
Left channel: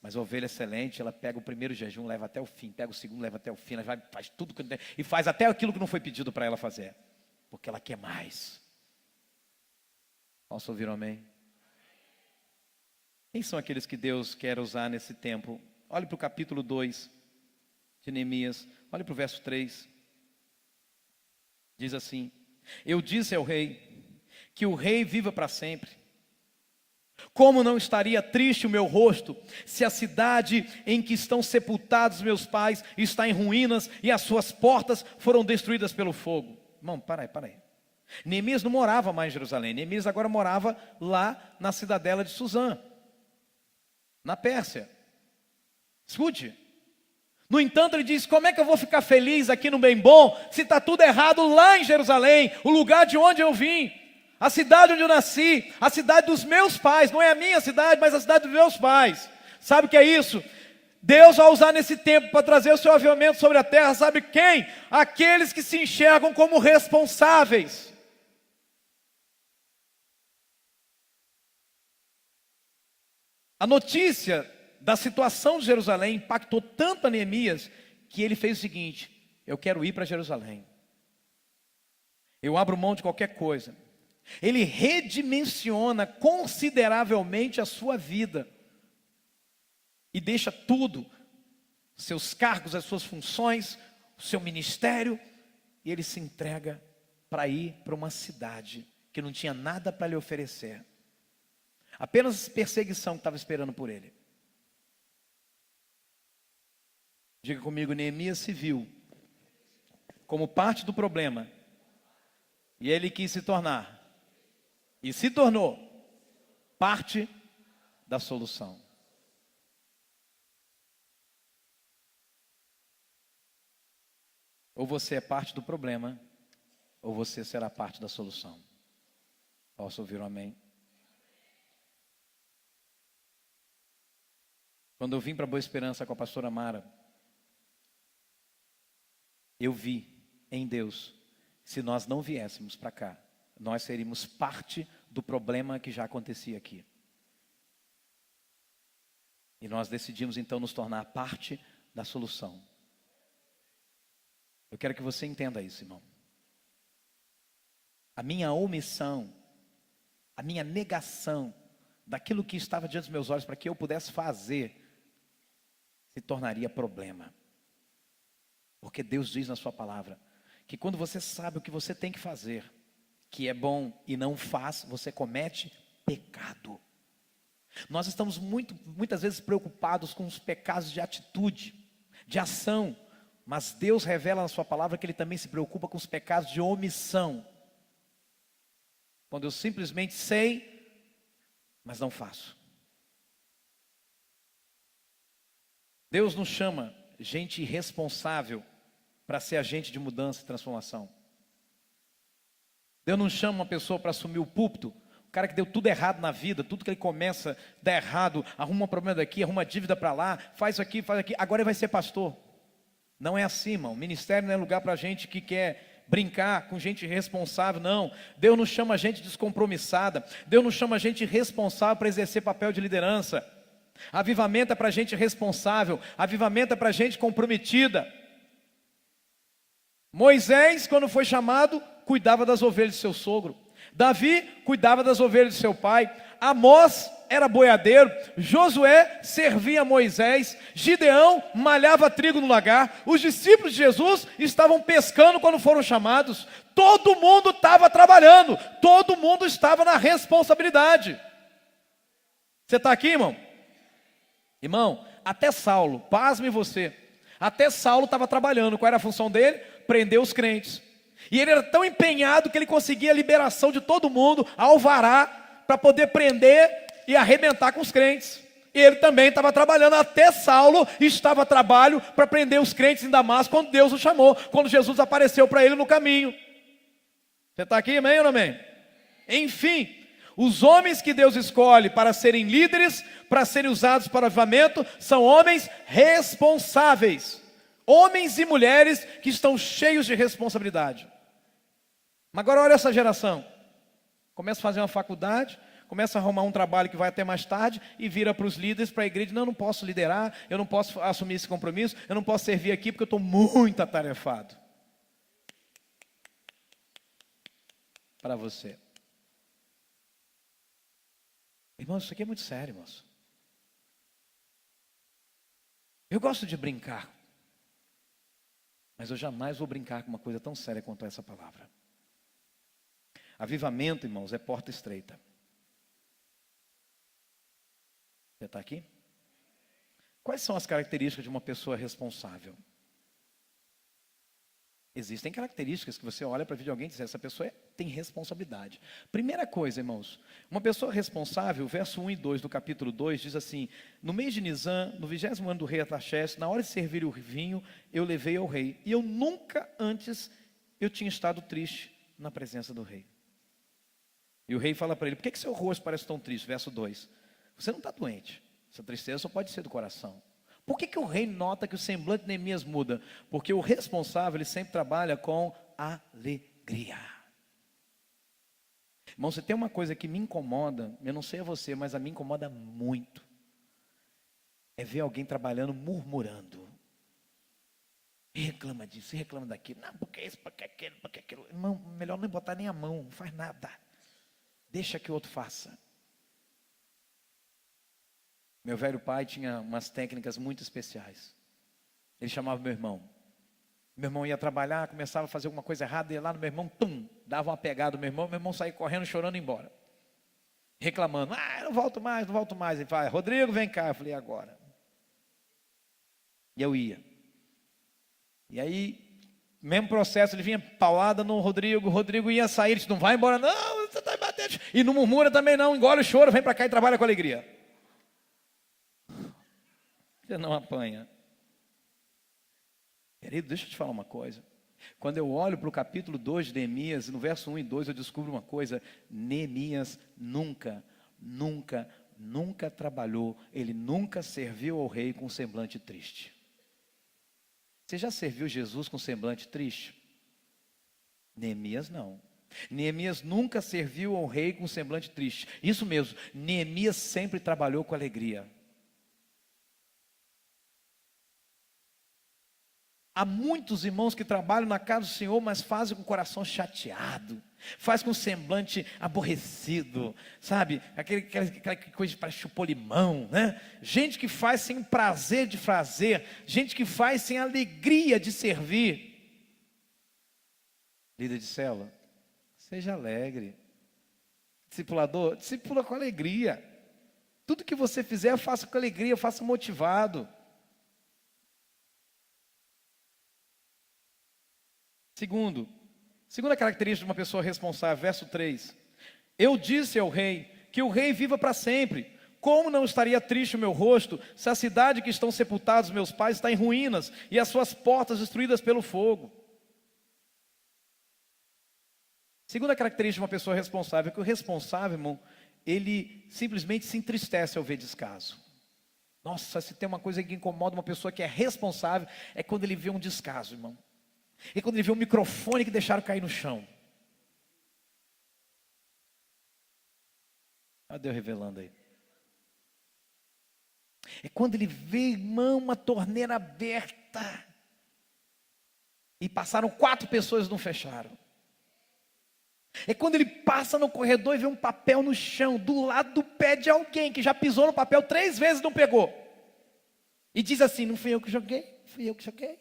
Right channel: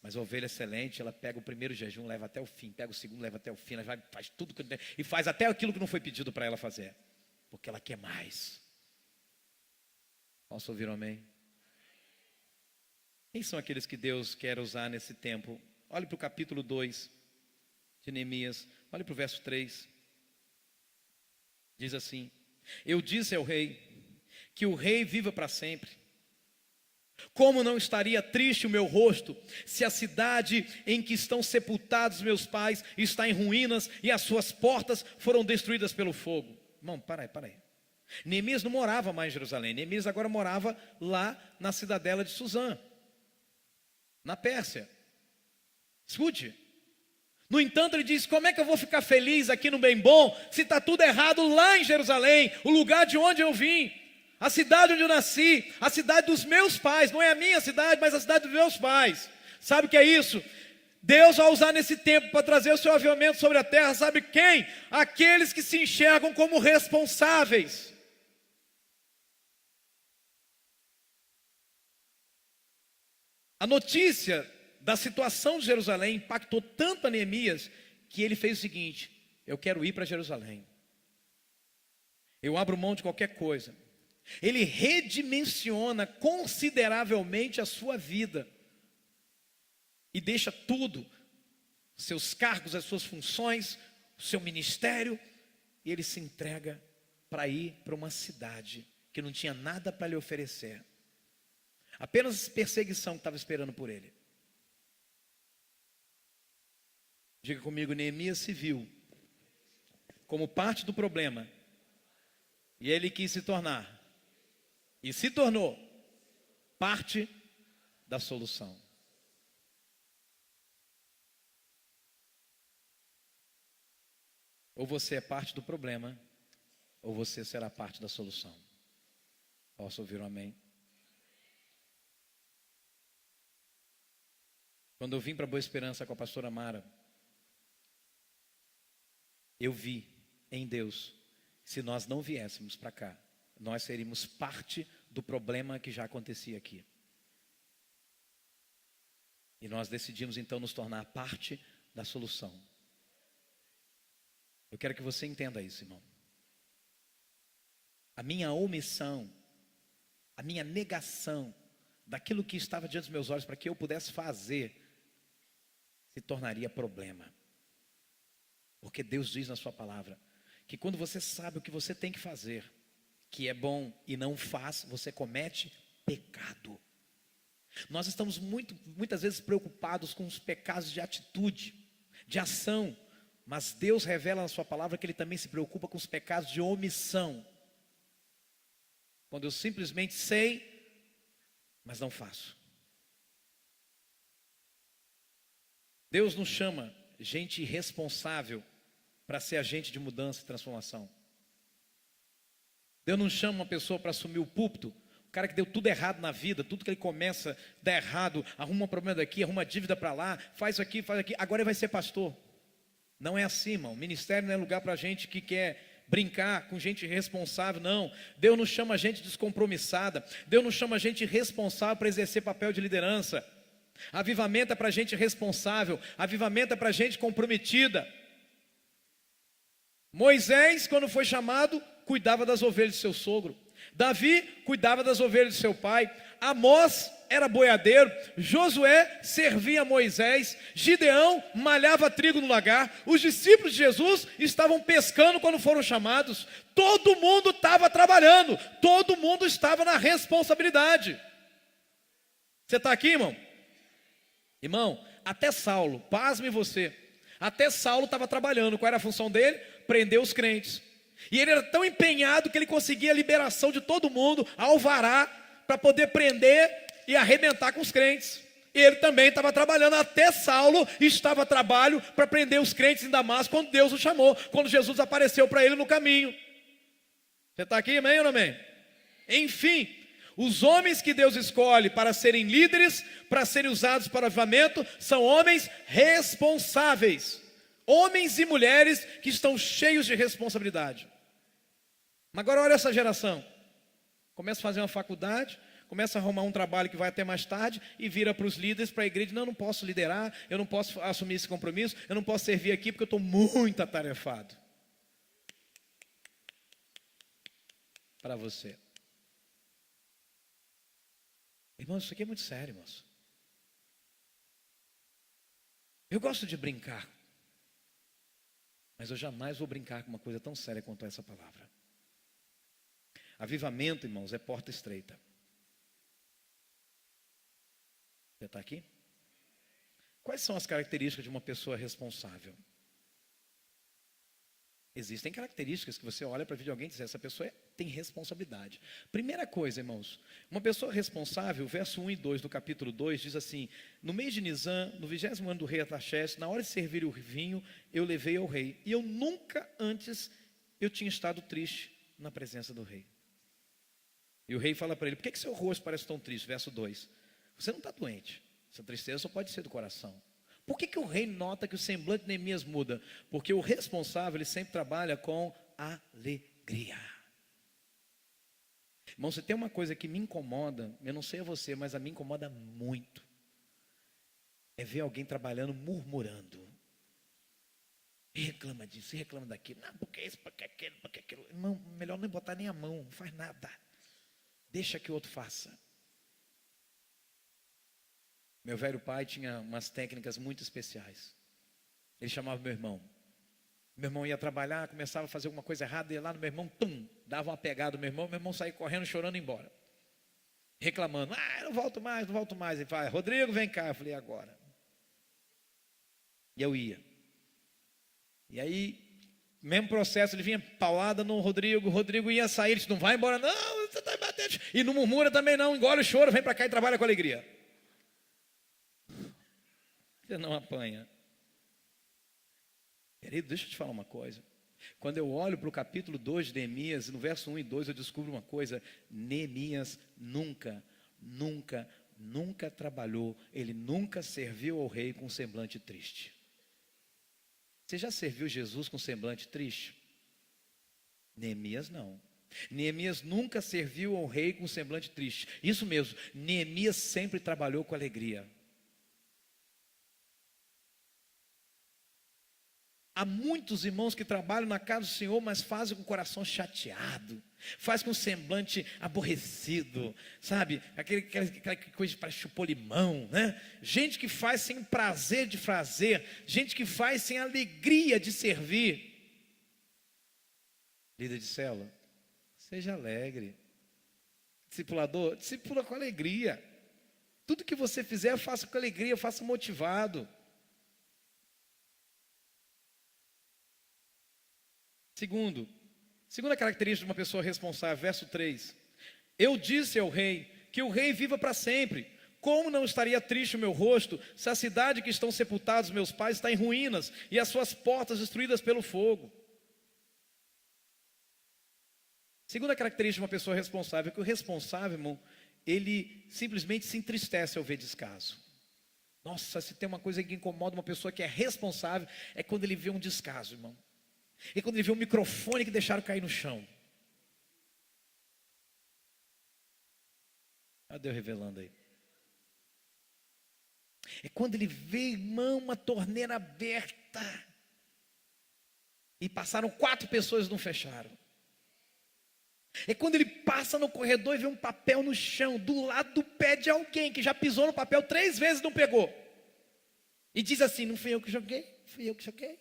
Mas a ovelha excelente, ela pega o primeiro jejum, leva até o fim, pega o segundo, leva até o fim, ela vai, faz tudo e faz até aquilo que não foi pedido para ela fazer, porque ela quer mais. Posso ouvir um amém? Quem são aqueles que Deus quer usar nesse tempo? Olhe para o capítulo 2 de Neemias, olhe para o verso 3. Diz assim: eu disse ao rei, que o rei viva para sempre. Como não estaria triste o meu rosto, se a cidade em que estão sepultados meus pais está em ruínas e as suas portas foram destruídas pelo fogo. Irmão, para aí. Neemias não morava mais em Jerusalém. Neemias agora morava lá na cidadela de Suzã, na Pérsia. Escute. No entanto, ele diz: como é que eu vou ficar feliz aqui no bem bom, se está tudo errado lá em Jerusalém, o lugar de onde eu vim, a cidade onde eu nasci, a cidade dos meus pais, não é a minha cidade, mas a cidade dos meus pais. Sabe o que é isso? Deus vai usar nesse tempo para trazer o seu avivamento sobre a terra, sabe quem? Aqueles que se enxergam como responsáveis. A notícia da situação de Jerusalém impactou tanto a Neemias, que ele fez o seguinte: eu quero ir para Jerusalém, eu abro mão de qualquer coisa. Ele redimensiona consideravelmente a sua vida, e deixa tudo, seus cargos, as suas funções, o seu ministério, e ele se entrega para ir para uma cidade que não tinha nada para lhe oferecer, apenas perseguição que estava esperando por ele. Diga comigo: Neemias se viu como parte do problema, e ele quis se tornar, e se tornou, parte da solução. Ou você é parte do problema, ou você será parte da solução. Posso ouvir um amém? Quando eu vim para Boa Esperança com a pastora Mara, eu vi em Deus, se nós não viéssemos para cá, nós seríamos parte do problema que já acontecia aqui. E nós decidimos então nos tornar parte da solução. Eu quero que você entenda isso, irmão. A minha omissão, a minha negação daquilo que estava diante dos meus olhos para que eu pudesse fazer, se tornaria problema. Porque Deus diz na sua palavra que quando você sabe o que você tem que fazer, que é bom, e não faz, você comete pecado. Nós estamos muitas vezes preocupados com os pecados de atitude, de ação, mas Deus revela na sua palavra que Ele também se preocupa com os pecados de omissão. Quando eu simplesmente sei, mas não faço. Deus nos chama gente irresponsável para ser agente de mudança e transformação. Deus não chama uma pessoa para assumir o púlpito, o cara que deu tudo errado na vida, tudo que ele começa dá errado, arruma um problema daqui, arruma dívida para lá, faz isso aqui, faz aqui, agora ele vai ser pastor. Não é assim, irmão. O ministério não é lugar para gente que quer brincar com gente irresponsável, não. Deus não chama gente descompromissada, Deus não chama gente irresponsável para exercer papel de liderança. Avivamento é para gente responsável. Avivamento é para gente comprometida. Moisés, quando foi chamado, cuidava das ovelhas de seu sogro. Davi cuidava das ovelhas de seu pai. Amós era boiadeiro. Josué servia a Moisés. Gideão malhava trigo no lagar. Os discípulos de Jesus estavam pescando quando foram chamados. Todo mundo estava trabalhando. Todo mundo estava na responsabilidade. Você está aqui, irmão? Irmão, até Saulo, pasme você, até Saulo estava trabalhando. Qual era a função dele? Prender os crentes. E ele era tão empenhado que ele conseguia a liberação de todo mundo, alvará, para poder prender e arrebentar com os crentes. Ele também estava trabalhando. Até Saulo estava a trabalho para prender os crentes em Damasco, quando Deus o chamou, quando Jesus apareceu para ele no caminho. Você está aqui, amém ou não amém? Enfim, os homens que Deus escolhe para serem líderes, para serem usados para o avivamento, são homens responsáveis. Homens e mulheres que estão cheios de responsabilidade. Mas agora olha essa geração. Começa a fazer uma faculdade, começa a arrumar um trabalho que vai até mais tarde e vira para os líderes, para a igreja: não posso liderar, eu não posso assumir esse compromisso, eu não posso servir aqui porque eu estou muito atarefado. Para você. Irmãos, isso aqui é muito sério, irmãos. Eu gosto de brincar, mas eu jamais vou brincar com uma coisa tão séria quanto essa palavra. Avivamento, irmãos, é porta estreita. Você está aqui? Quais são as características de uma pessoa responsável? Existem características que você olha para a vida de alguém e diz: essa pessoa tem responsabilidade. Primeira coisa, irmãos, uma pessoa responsável, verso 1 e 2 do capítulo 2, diz assim: no mês de Nisan, no 20º ano do rei Artaxerxes, na hora de servir o vinho, eu levei ao rei. E eu nunca antes eu tinha estado triste na presença do rei. E o rei fala para ele: por que seu rosto parece tão triste? Verso 2. Você não está doente. Essa tristeza só pode ser do coração. Por que o rei nota que o semblante de Neemias muda? Porque o responsável, ele sempre trabalha com alegria. Irmão, você tem uma coisa que me incomoda, eu não sei a você, mas a mim incomoda muito. É ver alguém trabalhando murmurando. E reclama disso, e reclama daquilo. Não, porque isso, porque aquilo. Irmão, melhor nem botar nem a mão, não faz nada. Deixa que o outro faça. Meu velho pai tinha umas técnicas muito especiais. Ele chamava meu irmão. Meu irmão ia trabalhar, começava a fazer alguma coisa errada, ia lá no meu irmão, dava uma pegada no meu irmão saía correndo, chorando e embora. Reclamando: não volto mais, não volto mais. Ele fala: Rodrigo, vem cá. Eu falei: agora. E eu ia. E aí, mesmo processo, ele vinha paulada no Rodrigo, o Rodrigo ia sair, ele disse: não vai embora não, você está batendo. E não murmura também não, engole o choro, vem para cá e trabalha com alegria. Você não apanha. Querido, deixa eu te falar uma coisa. Quando eu olho para o capítulo 2 de Neemias, no verso 1 e 2, eu descubro uma coisa: Neemias nunca trabalhou, ele nunca serviu ao rei com um semblante triste. Você já serviu Jesus com semblante triste? Neemias não. Neemias nunca serviu ao rei com semblante triste. Isso mesmo, Neemias sempre trabalhou com alegria. Há muitos irmãos que trabalham na casa do Senhor, mas fazem com o coração chateado, faz com o semblante aborrecido, sabe? Aquela coisa para chupar limão, né? Gente que faz sem o prazer de fazer, gente que faz sem a alegria de servir. Líder de célula, seja alegre. Discipulador, discipula com alegria. Tudo que você fizer, faça com alegria, faça motivado. Segunda característica de uma pessoa responsável, verso 3. Eu disse ao rei que o rei viva para sempre. Como não estaria triste o meu rosto, se a cidade que estão sepultados meus pais está em ruínas e as suas portas destruídas pelo fogo? Segunda característica de uma pessoa responsável, é que o responsável, irmão, ele simplesmente se entristece ao ver descaso. Nossa, se tem uma coisa que incomoda uma pessoa que é responsável, é quando ele vê um descaso, irmão. E quando ele vê um microfone que deixaram cair no chão. Olha Deus revelando aí. É quando ele vê, irmão, uma torneira aberta. E passaram 4 pessoas e não fecharam. É quando ele passa no corredor e vê um papel no chão, do lado do pé de alguém que já pisou no papel 3 vezes e não pegou. E diz assim: não fui eu que joguei, fui eu que joguei.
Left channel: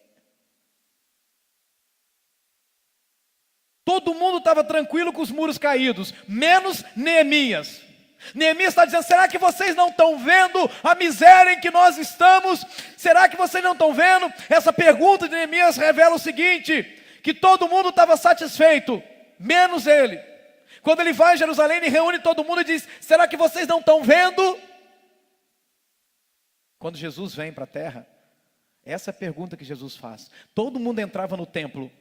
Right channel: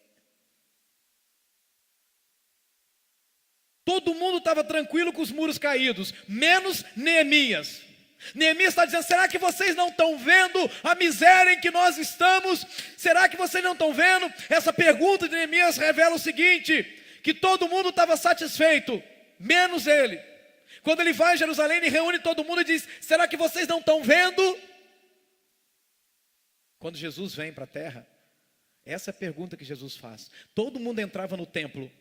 Todo mundo estava tranquilo com os muros caídos, menos Neemias. Neemias está dizendo: será que vocês não estão vendo a miséria em que nós estamos? Será que vocês não estão vendo? Essa pergunta de Neemias revela o seguinte: que todo mundo estava satisfeito, menos ele. Quando ele vai a Jerusalém, ele reúne todo mundo e diz: será que vocês não estão vendo? Quando Jesus vem para a terra, essa é a pergunta que Jesus faz. Todo mundo entrava no templo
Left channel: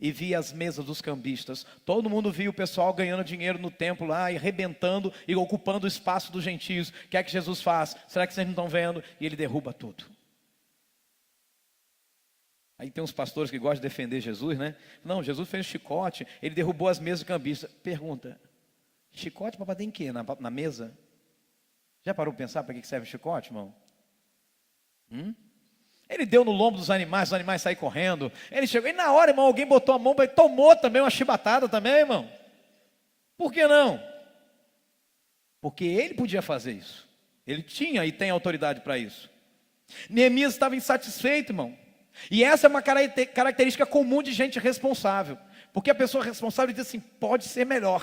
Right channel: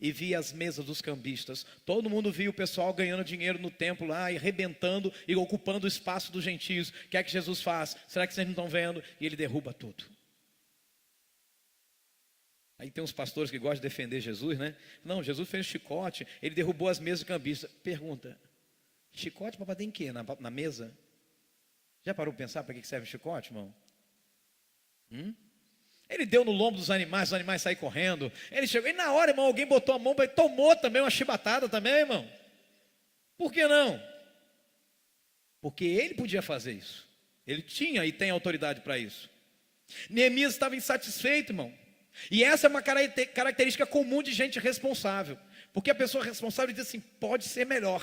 e via as mesas dos cambistas. Todo mundo via o pessoal ganhando dinheiro no templo lá, e arrebentando e ocupando o espaço dos gentios. O que é que Jesus faz? Será que vocês não estão vendo? E ele derruba tudo. Aí tem uns pastores que gostam de defender Jesus, né? Não, Jesus fez um chicote, ele derrubou as mesas do cambista. Pergunta: chicote para bater em quê? Na mesa? Já parou para pensar para que serve o chicote, irmão? Ele deu no lombo dos animais, os animais saíram correndo. Ele chegou, e na hora, irmão, alguém botou a mão, tomou também uma chibatada também, irmão. Por que não? Porque ele podia fazer isso. Ele tinha e tem autoridade para isso. Neemias estava insatisfeito, irmão. E essa é uma característica comum de gente responsável. Porque a pessoa responsável diz assim: pode ser melhor.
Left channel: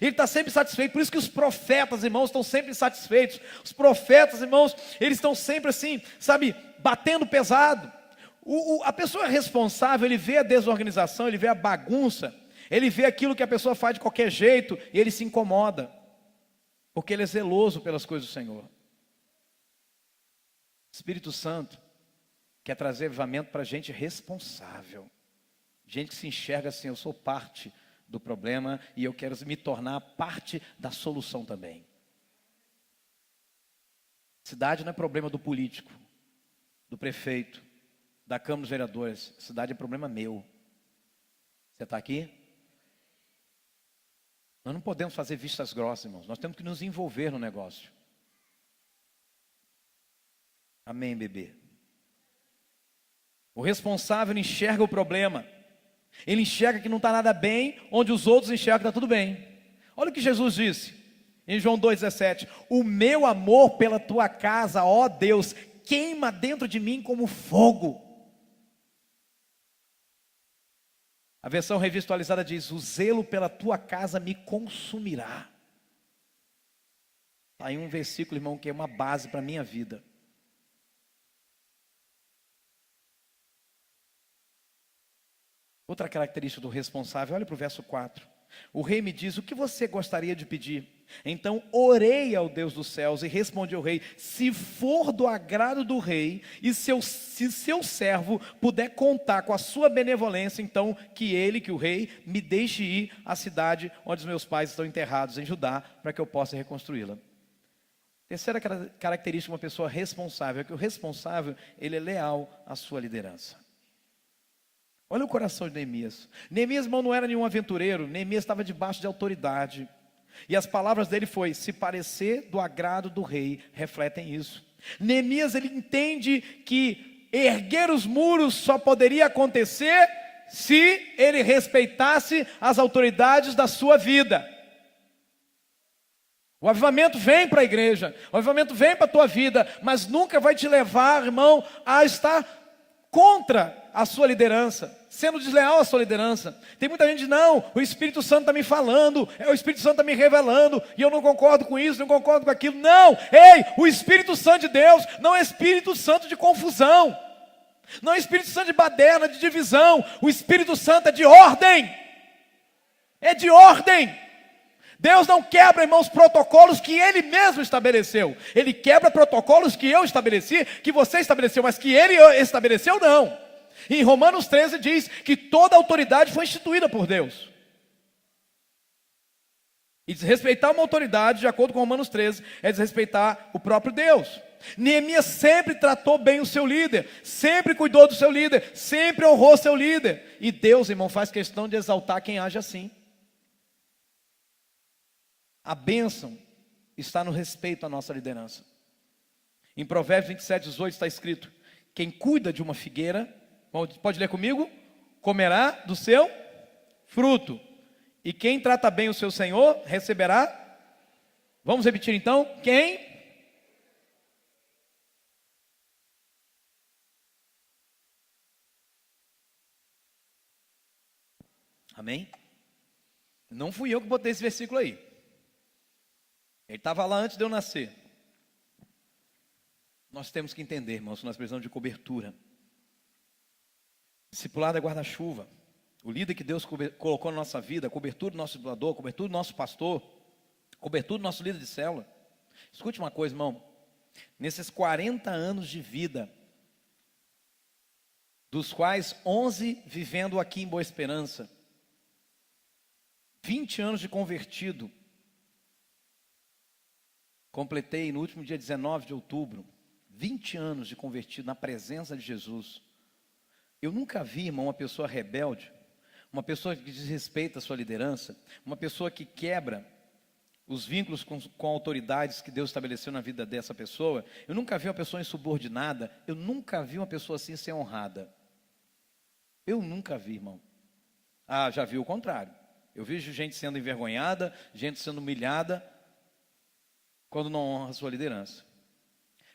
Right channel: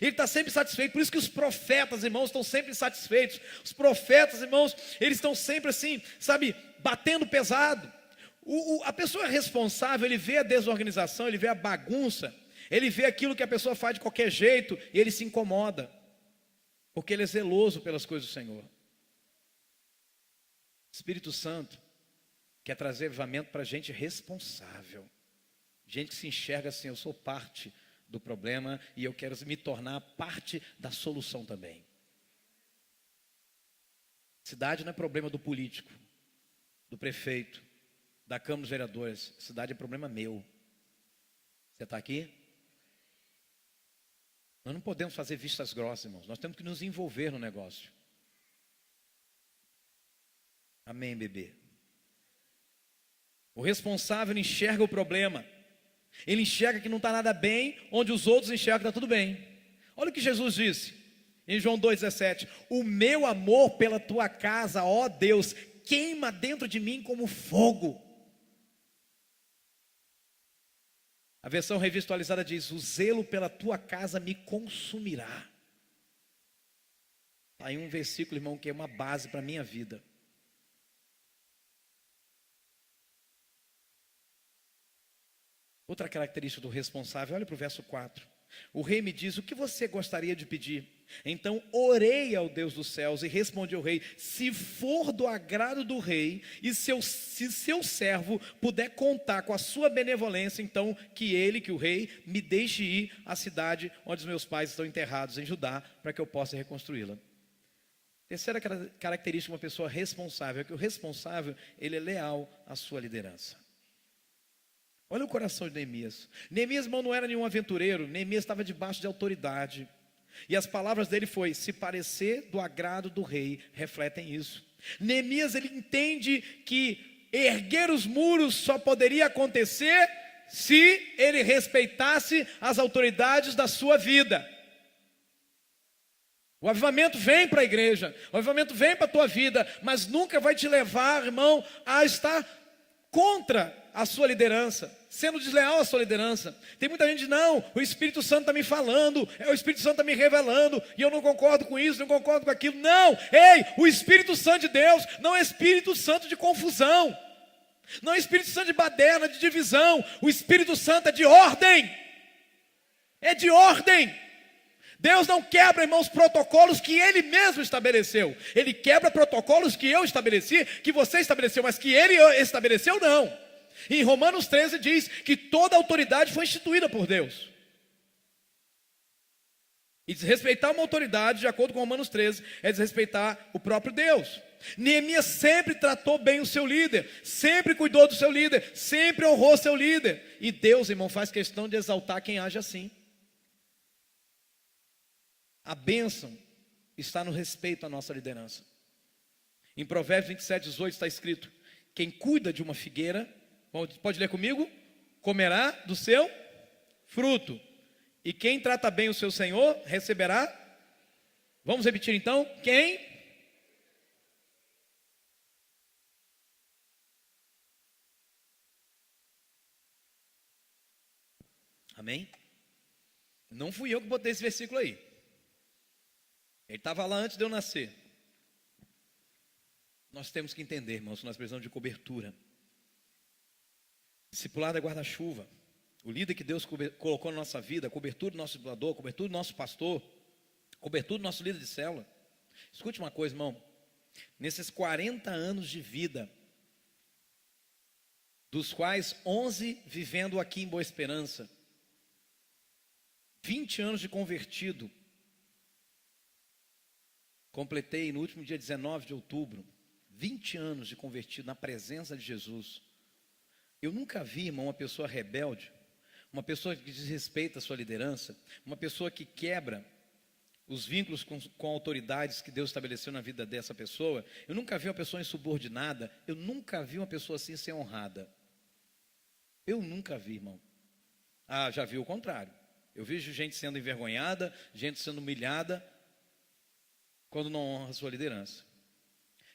Ele está sempre satisfeito. Por isso que os profetas, irmãos, estão sempre satisfeitos. Os profetas, irmãos, eles estão sempre assim, sabe, batendo pesado. A pessoa responsável, ele vê a desorganização, ele vê a bagunça, ele vê aquilo que a pessoa faz de qualquer jeito e ele se incomoda, porque ele é zeloso pelas coisas do Senhor. O Espírito Santo quer trazer avivamento para gente responsável, gente que se enxerga assim: eu sou parte do problema e eu quero me tornar parte da solução também. Cidade não é problema do político, do prefeito, da Câmara dos Vereadores. Cidade é problema meu. Você está aqui? Nós não podemos fazer vistas grossas, irmãos. Nós temos que nos envolver no negócio. Amém, bebê? O responsável enxerga o problema. Ele enxerga que não está nada bem, onde os outros enxergam que está tudo bem. Olha o que Jesus disse em João 2,17: o meu amor pela tua casa, ó Deus, queima dentro de mim como fogo. A versão revista atualizada diz: o zelo pela tua casa me consumirá. Está aí um versículo, irmão, que é uma base para a minha vida. Outra característica do responsável, olha para o verso 4. O rei me diz: o que você gostaria de pedir? Então orei ao Deus dos céus e respondi ao rei: se for do agrado do rei, e se seu servo puder contar com a sua benevolência, então que o rei, me deixe ir à cidade onde os meus pais estão enterrados, em Judá, para que eu possa reconstruí-la. Terceira característica de uma pessoa responsável é que o responsável, ele é leal à sua liderança. Olha o coração de Neemias. Neemias, irmão, não era nenhum aventureiro. Neemias estava debaixo de autoridade. E as palavras dele foi: se parecer do agrado do rei, refletem isso. Neemias, ele entende que erguer os muros só poderia acontecer se ele respeitasse as autoridades da sua vida. O avivamento vem para a igreja, o avivamento vem para a tua vida, mas nunca vai te levar, irmão, a estar contra a sua liderança, sendo desleal à sua liderança. Tem muita gente: não, o Espírito Santo está me falando, o Espírito Santo está me revelando, e eu não concordo com isso, não concordo com aquilo. Não, ei, o Espírito Santo de Deus não é Espírito Santo de confusão, não é Espírito Santo de baderna, de divisão. O Espírito Santo é de ordem, é de ordem. Deus não quebra, irmãos, protocolos que Ele mesmo estabeleceu. Ele quebra protocolos que eu estabeleci, que você estabeleceu, mas que Ele estabeleceu, não. Em Romanos 13 diz que toda autoridade foi instituída por Deus. E desrespeitar uma autoridade, de acordo com Romanos 13, é desrespeitar o próprio Deus. Neemias sempre tratou bem o seu líder, sempre cuidou do seu líder, sempre honrou seu líder. E Deus, irmão, faz questão de exaltar quem age assim. A bênção está no respeito à nossa liderança. Em Provérbios 27:18 está escrito: quem cuida de uma figueira, pode ler comigo? Comerá do seu fruto. E quem trata bem o seu senhor, receberá. Vamos repetir então? Quem? Amém? Não fui eu que botei esse versículo aí. Ele estava lá antes de eu nascer. Nós temos que entender, irmãos, que nós precisamos de cobertura. Discipulado é guarda-chuva. O líder que Deus colocou na nossa vida, cobertura do nosso discipulador, cobertura do nosso pastor, cobertura do nosso líder de célula. Escute uma coisa, irmão. Nesses 40 anos de vida, dos quais 11 vivendo aqui em Boa Esperança, 20 anos de convertido, completei no último dia 19 de outubro, 20 anos de convertido na presença de Jesus. Eu nunca vi, irmão, uma pessoa rebelde, uma pessoa que desrespeita a sua liderança, uma pessoa que quebra os vínculos com autoridades que Deus estabeleceu na vida dessa pessoa. Eu nunca vi uma pessoa insubordinada, eu nunca vi uma pessoa assim ser honrada. Eu nunca vi, irmão. Ah, já vi o contrário. Eu vejo gente sendo envergonhada, gente sendo humilhada, quando não honra a sua liderança.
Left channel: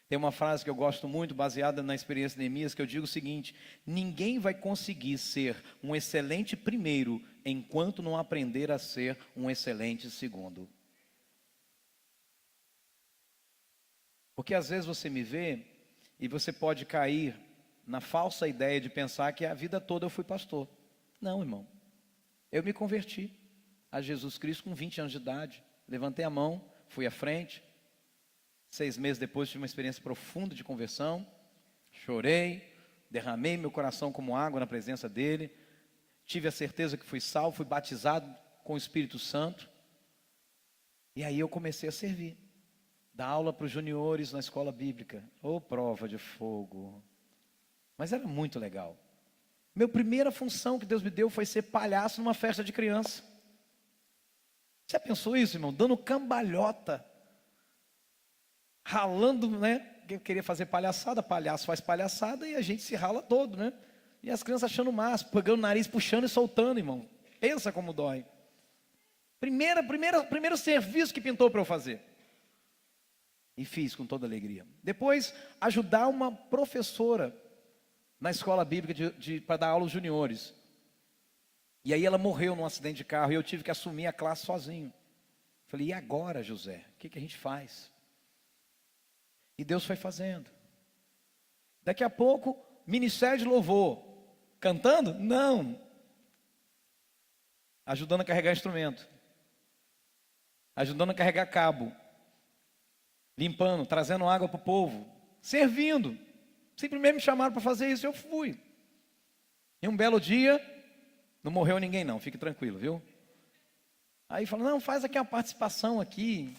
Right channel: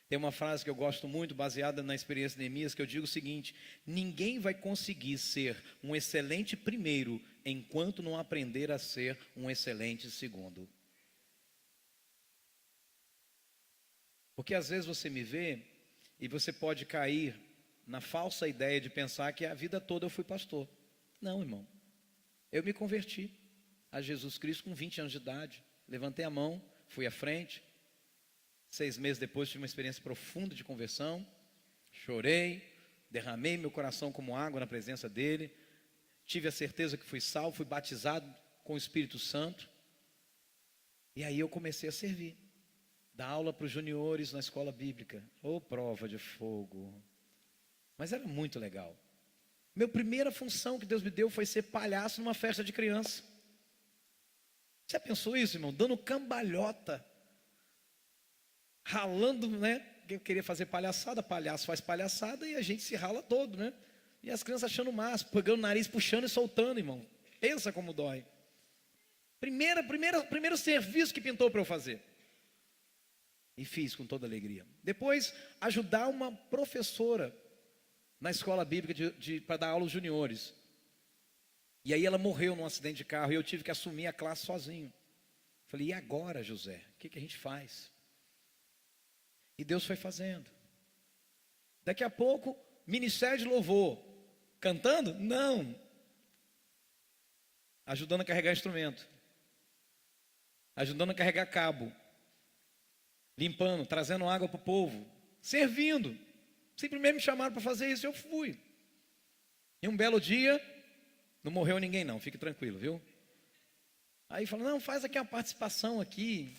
Tem uma frase que eu gosto muito, baseada na experiência de Neemias, que eu digo o seguinte: ninguém vai conseguir ser um excelente primeiro, enquanto não aprender a ser um excelente segundo. Porque às vezes você me vê, e você pode cair na falsa ideia de pensar que a vida toda eu fui pastor. Não, irmão. Eu me converti a Jesus Cristo com 20 anos de idade. Levantei a mão, fui à frente. 6 meses depois tive uma experiência profunda de conversão. Chorei, derramei meu coração como água na presença dele. Tive a certeza que fui salvo, fui batizado com o Espírito Santo. E aí eu comecei a servir. Dar aula para os juniores na escola bíblica. Ô, prova de fogo. Mas era muito legal. Minha primeira função que Deus me deu foi ser palhaço numa festa de criança. Você pensou isso, irmão? Dando cambalhota. Ralando, né? Eu queria fazer palhaçada, palhaço faz palhaçada e a gente se rala todo, né? E as crianças achando massa, pegando o nariz, puxando e soltando, irmão. Pensa como dói. Primeiro serviço que pintou para eu fazer. E fiz com toda alegria. Depois, ajudar uma professora na escola bíblica para dar aula aos juniores. E aí ela morreu num acidente de carro e eu tive que assumir a classe sozinho. Falei, e agora, José? O que a gente faz? E Deus foi fazendo. Daqui a pouco, ministério de louvor. Cantando? Não. Ajudando a carregar instrumento. Ajudando a carregar cabo. Limpando, trazendo água para o povo. Servindo. Simplesmente me chamaram para fazer isso, eu fui. E um belo dia, não morreu ninguém não, fique tranquilo, viu? Aí falou, não, faz aqui uma participação aqui.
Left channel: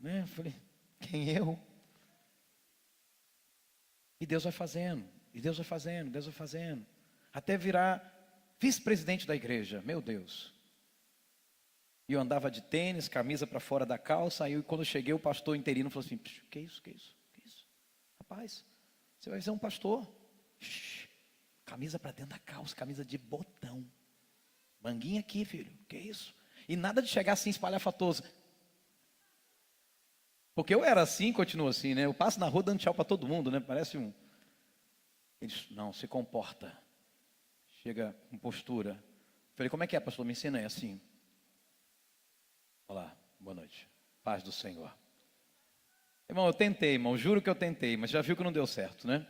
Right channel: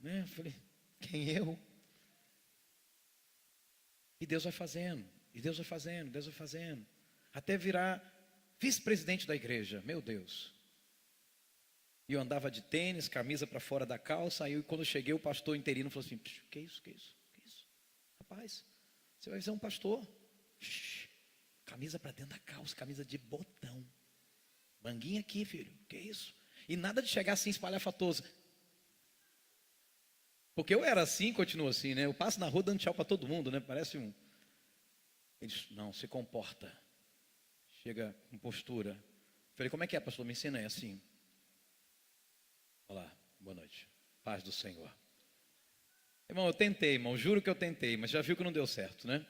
Né? Eu falei, quem eu? E Deus vai fazendo, e Deus vai fazendo, Deus vai fazendo. Até virar vice-presidente da igreja, meu Deus. E eu andava de tênis, camisa para fora da calça. Aí quando eu cheguei, o pastor interino falou assim, que isso? Rapaz, você vai ser um pastor. Camisa para dentro da calça, camisa de botão. Manguinha aqui, filho, que isso? E nada de chegar assim espalhafatoso. Porque eu era assim, continuo assim, né? Eu passo na rua dando tchau para todo mundo, né? Parece um... Ele disse, não, se comporta. Chega com postura. Falei, como é que é, pastor? Me ensina aí assim. Olá, boa noite. Paz do Senhor. Irmão, eu tentei, irmão, juro que eu tentei, mas já viu que não deu certo, né?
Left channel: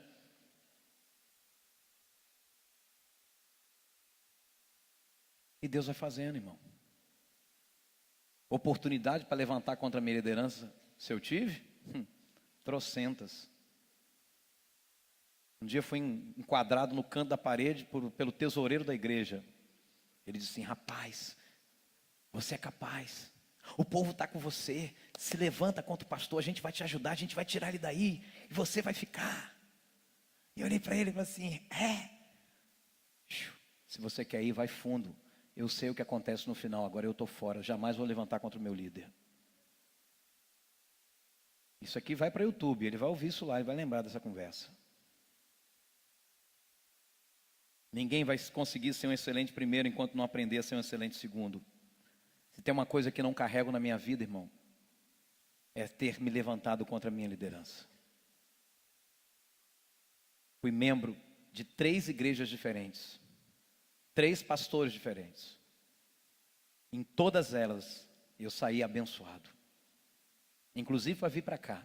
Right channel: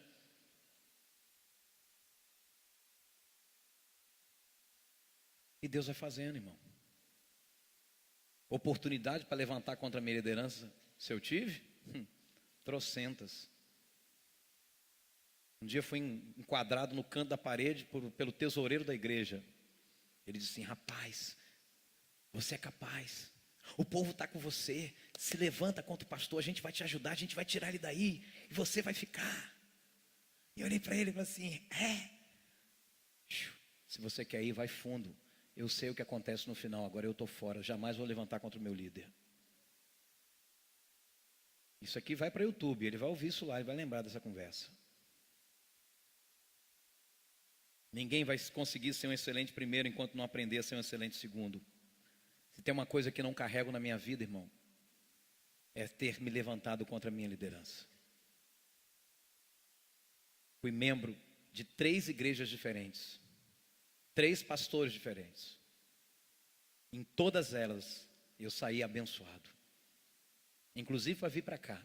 E Deus vai fazendo, irmão. Oportunidade para levantar contra a minha liderança, se eu tive? Trocentas. Um dia fui enquadrado no canto da parede pelo tesoureiro da igreja. Ele disse assim, rapaz, você é capaz. O povo está com você. Se levanta contra o pastor, a gente vai te ajudar, a gente vai tirar ele daí. E você vai ficar. E eu olhei para ele e falei assim, se você quer ir, vai fundo. Eu sei o que acontece no final, agora eu estou fora. Jamais vou levantar contra o meu líder. Isso aqui vai para o YouTube, ele vai ouvir isso lá e vai lembrar dessa conversa. Ninguém vai conseguir ser um excelente primeiro enquanto não aprender a ser um excelente segundo. Se tem uma coisa que não carrego na minha vida, irmão, é ter me levantado contra a minha liderança. Fui membro de 3 igrejas diferentes, 3 pastores diferentes. Em todas elas, eu saí abençoado. Inclusive para vir para cá.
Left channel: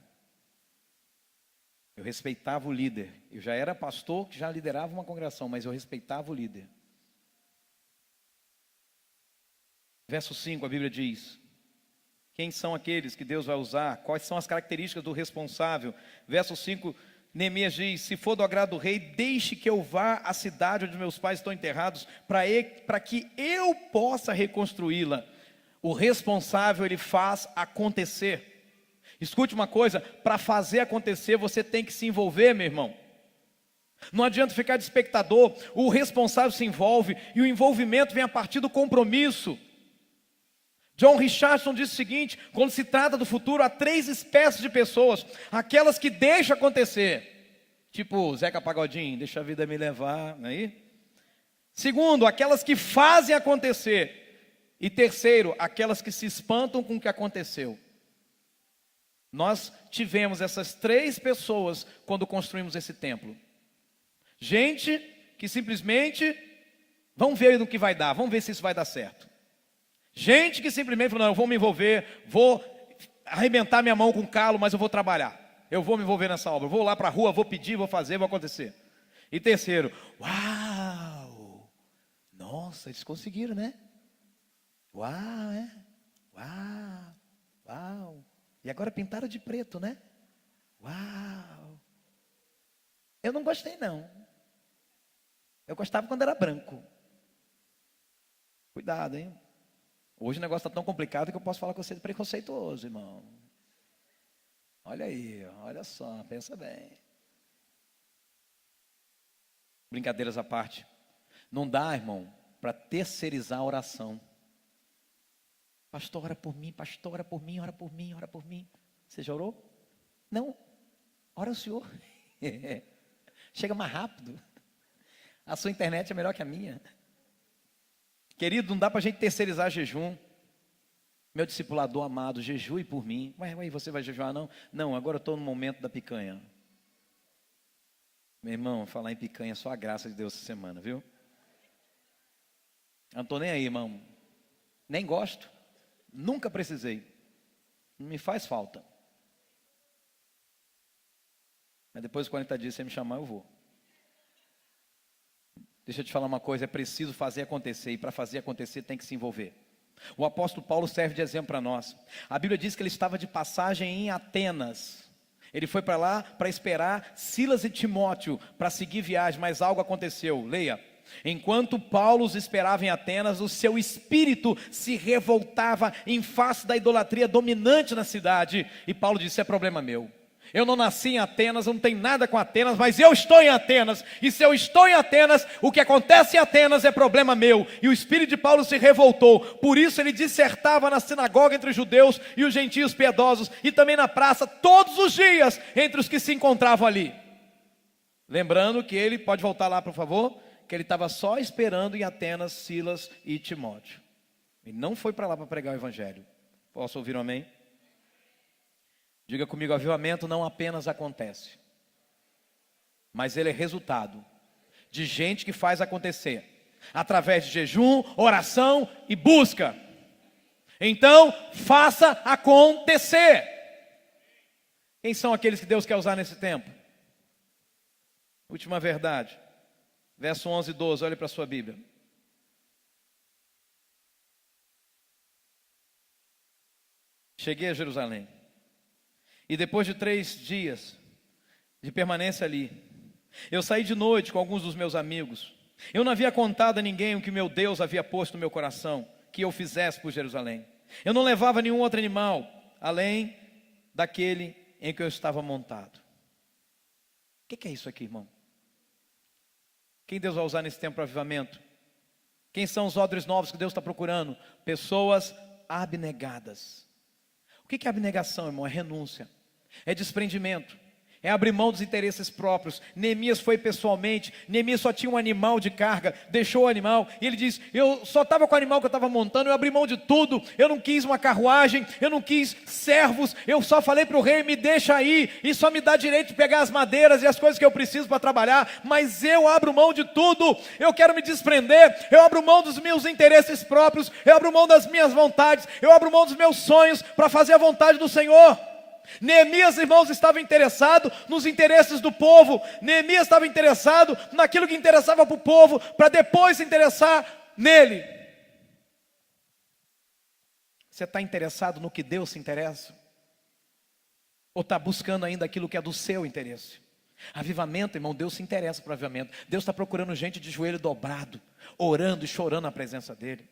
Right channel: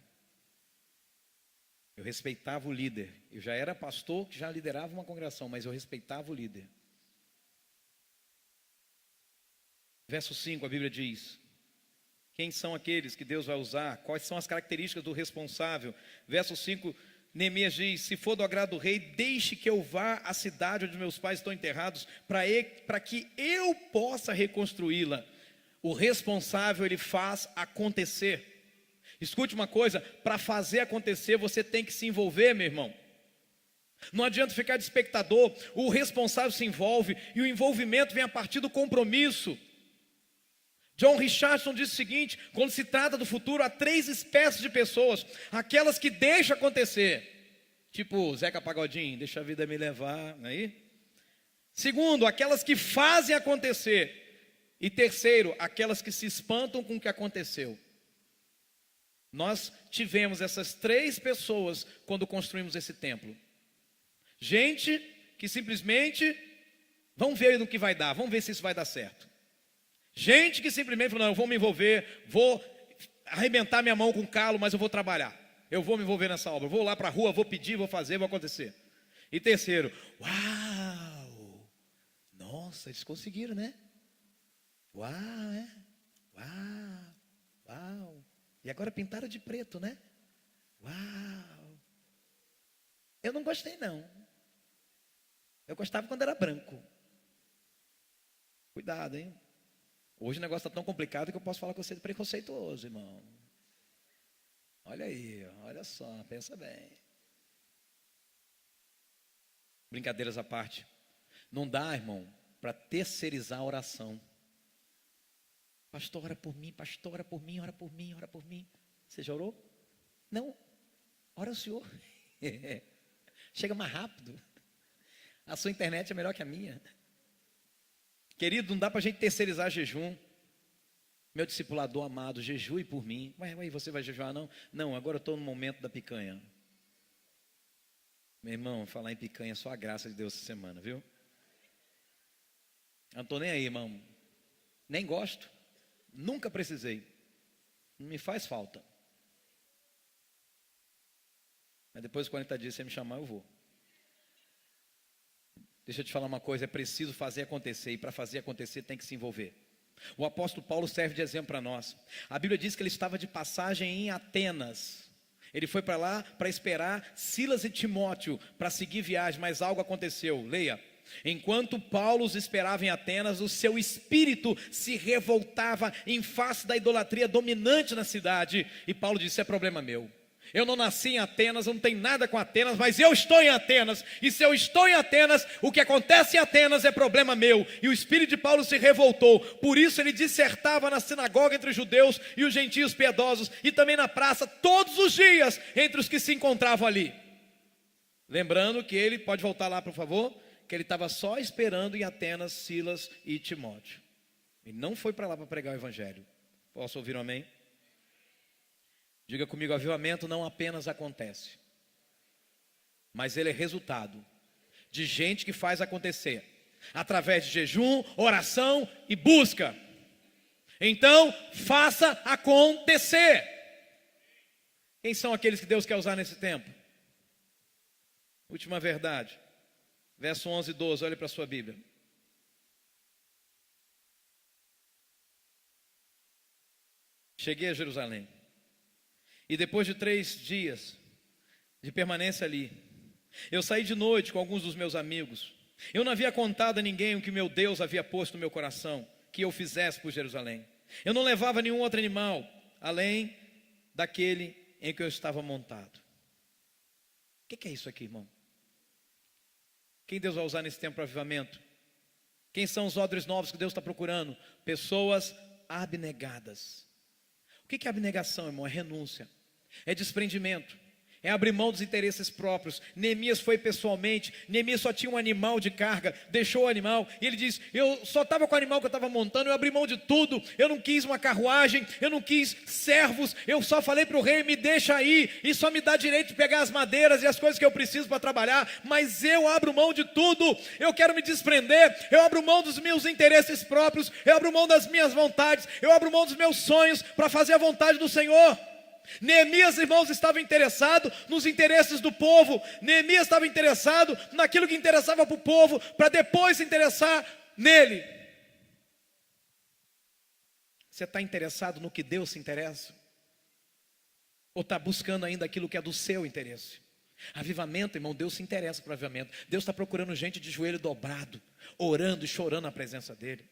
Eu respeitava o líder. Eu já era pastor, que já liderava uma congregação, mas eu respeitava o líder. Verso 5, a Bíblia diz: quem são aqueles que Deus vai usar? Quais são as características do responsável? Verso 5, Neemias diz: se for do agrado do rei, deixe que eu vá à cidade onde meus pais estão enterrados, para que eu possa reconstruí-la. O responsável, ele faz acontecer. Escute uma coisa, para fazer acontecer, você tem que se envolver, meu irmão. Não adianta ficar de espectador, o responsável se envolve, e o envolvimento vem a partir do compromisso. John Richardson diz o seguinte: quando se trata do futuro, há 3 espécies de pessoas: aquelas que deixam acontecer, tipo Zeca Pagodinho, deixa a vida me levar, não é aí? Segundo, aquelas que fazem acontecer. E terceiro, aquelas que se espantam com o que aconteceu. Nós tivemos essas 3 pessoas quando construímos esse templo. Gente que simplesmente, vamos ver no que vai dar, vamos ver se isso vai dar certo. Gente que simplesmente falou: não, eu vou me envolver, vou arrebentar minha mão com calo, mas eu vou trabalhar. Eu vou me envolver nessa obra, eu vou lá para a rua, vou pedir, vou fazer, vou acontecer. E terceiro, uau, nossa, eles conseguiram, né? Uau, uau. E agora pintaram de preto, né? Uau. Eu não gostei, não. Eu gostava quando era branco. Cuidado, hein? Hoje o negócio está tão complicado que eu posso falar com você de preconceituoso, irmão. Olha aí, olha só, pensa bem. Brincadeiras à parte. Não dá, irmão, para terceirizar a oração. Pastor, ora por mim, pastor, ora por mim, ora por mim, ora por mim. Você já orou? Não, ora o Senhor. Chega mais rápido. A sua internet é melhor que a minha. Querido, não dá para a gente terceirizar jejum. Meu discipulador amado, jejue por mim. Ué, você vai jejuar não? Não, agora eu estou no momento da picanha. Meu irmão, falar em picanha é só a graça de Deus essa semana, viu? Eu não estou nem aí, irmão. Nem gosto. Nunca precisei. Não me faz falta. Mas depois de 40 dias, se você me chamar, eu vou. Deixa eu te falar uma coisa, é preciso fazer acontecer, e para fazer acontecer tem que se envolver. O apóstolo Paulo serve de exemplo para nós. A Bíblia diz que ele estava de passagem em Atenas. Ele foi para lá para esperar Silas e Timóteo para seguir viagem, mas algo aconteceu. Leia. Enquanto Paulo os esperava em Atenas, o seu espírito se revoltava em face da idolatria dominante na cidade. E Paulo disse: é problema meu. Eu não nasci em Atenas, eu não tenho nada com Atenas, mas eu estou em Atenas. E se eu estou em Atenas, o que acontece em Atenas é problema meu. E o espírito de Paulo se revoltou. Por isso ele dissertava na sinagoga entre os judeus e os gentios piedosos, e também na praça, todos os dias, entre os que se encontravam ali. Lembrando que ele, pode voltar lá por favor, que ele estava só esperando em Atenas Silas e Timóteo. Ele não foi para lá para pregar o evangelho. Posso ouvir um amém? Diga comigo: avivamento não apenas acontece, mas ele é resultado de gente que faz acontecer, através de jejum, oração e busca. Então, faça acontecer. Quem são aqueles que Deus quer usar nesse tempo? Última verdade. Verso 11 e 12, olhe para a sua Bíblia. Cheguei a Jerusalém. E depois de 3 dias de permanência ali, eu saí de noite com alguns dos meus amigos. Eu não havia contado a ninguém o que meu Deus havia posto no meu coração, que eu fizesse por Jerusalém. Eu não levava nenhum outro animal, além daquele em que eu estava montado. O que é isso aqui, irmão? Quem Deus vai usar nesse tempo para avivamento? Quem são os odres novos que Deus está procurando? Pessoas abnegadas. O que é abnegação, irmão? É renúncia. é desprendimento, é abrir mão dos interesses próprios. Neemias foi pessoalmente, Neemias só tinha um animal de carga, deixou o animal, e ele diz, eu só estava com o animal que eu estava montando, eu abri mão de tudo, eu não quis uma carruagem, eu não quis servos, eu só falei para o rei, me deixa aí, e só me dá direito de pegar as madeiras e as coisas que eu preciso para trabalhar, mas eu abro mão de tudo, eu quero me desprender, eu abro mão dos meus interesses próprios, eu abro mão das minhas vontades, eu abro mão dos meus sonhos, para fazer a vontade do Senhor. Neemias, irmãos, estava interessado nos interesses do povo. Neemias estava interessado naquilo que interessava para o povo, para depois se interessar nele. Você está interessado no que Deus se interessa? Ou está buscando ainda aquilo que é do seu interesse? Avivamento, irmão, Deus se interessa por avivamento. Deus está procurando gente de joelho dobrado, orando e chorando na presença dele.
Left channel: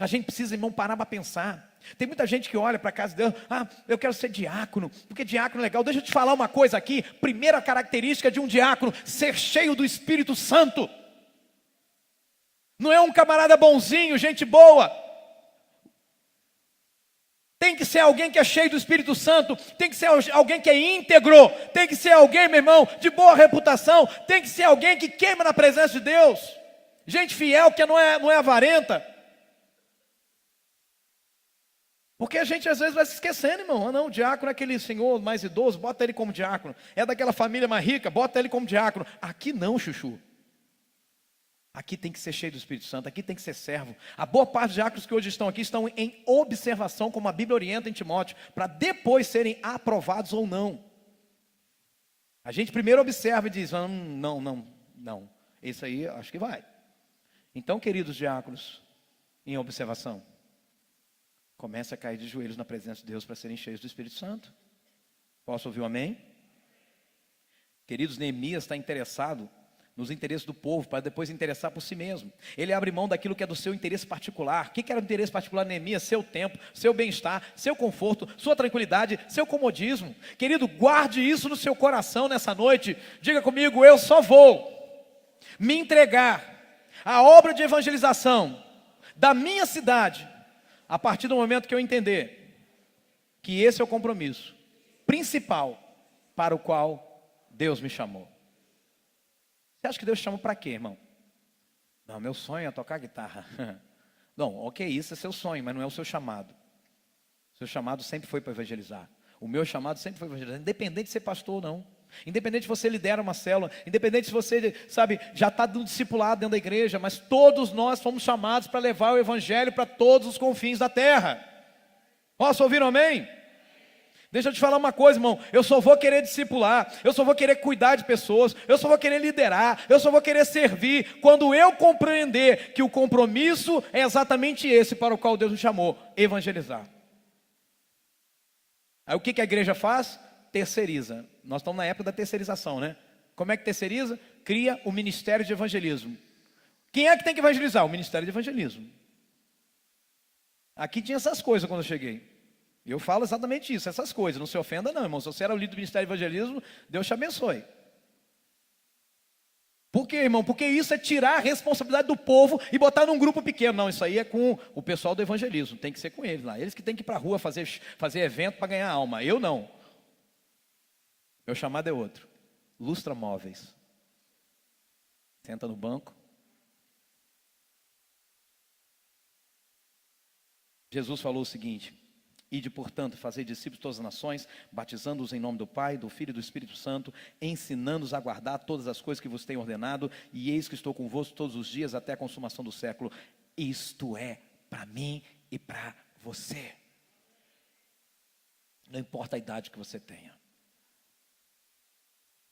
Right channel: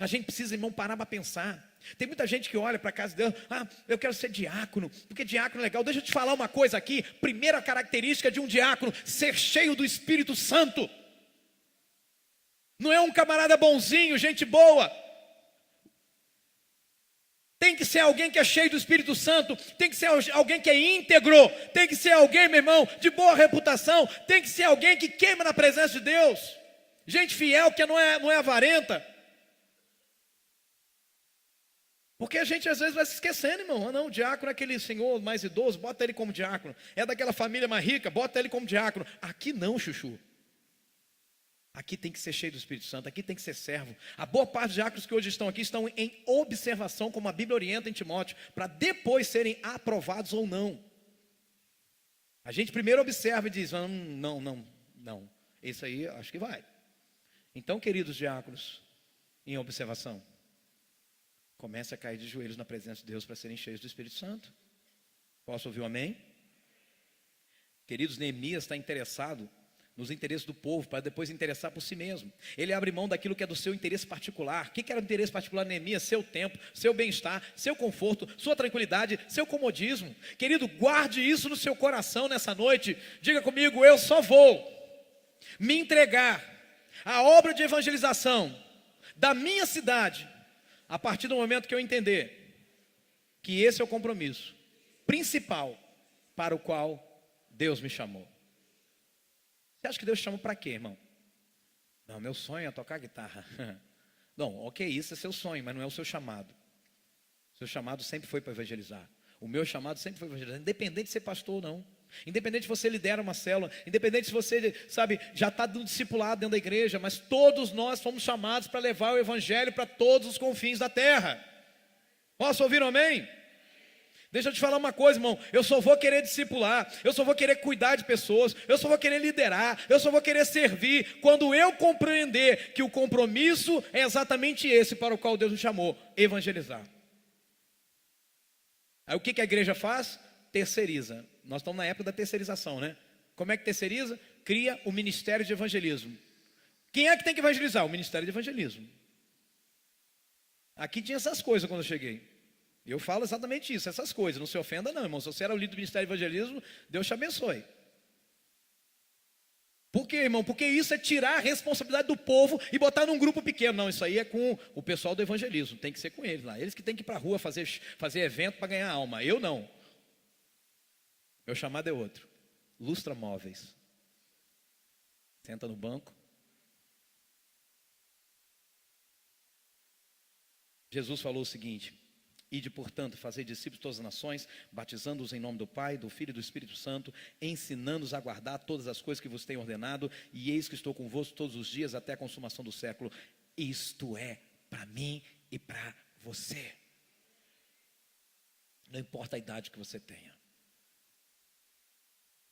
A gente precisa, irmão, parar para pensar. Tem muita gente que olha para a casa de Deus, eu quero ser diácono, porque diácono é legal. Deixa eu te falar uma coisa aqui. Primeira característica de um diácono, ser cheio do Espírito Santo. Não é um camarada bonzinho, gente boa. Tem que ser alguém que é cheio do Espírito Santo, tem que ser alguém que é íntegro, tem que ser alguém, meu irmão, de boa reputação, tem que ser alguém que queima na presença de Deus. Gente fiel, que não é avarenta. Porque a gente às vezes vai se esquecendo, irmão. Não, o diácono é aquele senhor mais idoso, bota ele como diácono. É daquela família mais rica, bota ele como diácono. Aqui não, chuchu. Aqui tem que ser cheio do Espírito Santo, aqui tem que ser servo. A boa parte dos diáconos que hoje estão aqui estão em observação, como a Bíblia orienta em Timóteo, para depois serem aprovados ou não. A gente primeiro observa e diz, não, isso aí acho que vai. Então, queridos diáconos, em observação, comece a cair de joelhos na presença de Deus para serem cheios do Espírito Santo. Posso ouvir um amém? Queridos, Neemias está interessado nos interesses do povo, para depois interessar por si mesmo. Ele abre mão daquilo que é do seu interesse particular. O que era o interesse particular de Neemias? Seu tempo, seu bem-estar, seu conforto, sua tranquilidade, seu comodismo. Querido, guarde isso no seu coração nessa noite. Diga comigo, eu só vou me entregar à obra de evangelização da minha cidade a partir do momento que eu entender que esse é o compromisso principal para o qual Deus me chamou. Você acha que Deus te chamou para quê, irmão? Não, meu sonho é tocar guitarra. Não, ok, isso é seu sonho, mas não é o seu chamado. Seu chamado sempre foi para evangelizar. O meu chamado sempre foi para evangelizar, independente de ser pastor ou não. Independente se você lidera uma célula, independente se você, já está do discipulado dentro da igreja, mas todos nós fomos chamados para levar o evangelho para todos os confins da terra. Posso ouvir um amém? Deixa eu te falar uma coisa, irmão, eu só vou querer discipular, eu só vou querer cuidar de pessoas, eu só vou querer liderar, eu só vou querer servir, quando eu compreender que o compromisso é exatamente esse para o qual Deus me chamou, evangelizar. Aí o que a igreja faz? Terceiriza. Nós estamos na época da terceirização, né? Como é que terceiriza? Cria o ministério de evangelismo. Quem é que tem que evangelizar? O ministério de evangelismo. Aqui tinha essas coisas quando eu cheguei. Eu falo exatamente isso, essas coisas. Não se ofenda não, irmão. Se você era o líder do ministério de evangelismo, Deus te abençoe. Por quê, irmão? Porque isso é tirar a responsabilidade do povo e botar num grupo pequeno. Não, isso aí é com o pessoal do evangelismo. Tem que ser com eles lá. Eles que têm que ir para a rua fazer evento para ganhar alma. Eu não. Meu chamado é outro. Lustra móveis. Senta no banco. Jesus falou o seguinte: ide, portanto, fazer discípulos de todas as nações, batizando-os em nome do Pai, do Filho e do Espírito Santo, ensinando-os a guardar todas as coisas que vos tenho ordenado, e eis que estou convosco todos os dias até a consumação do século. Isto é para mim e para você. Não importa a idade que você tenha.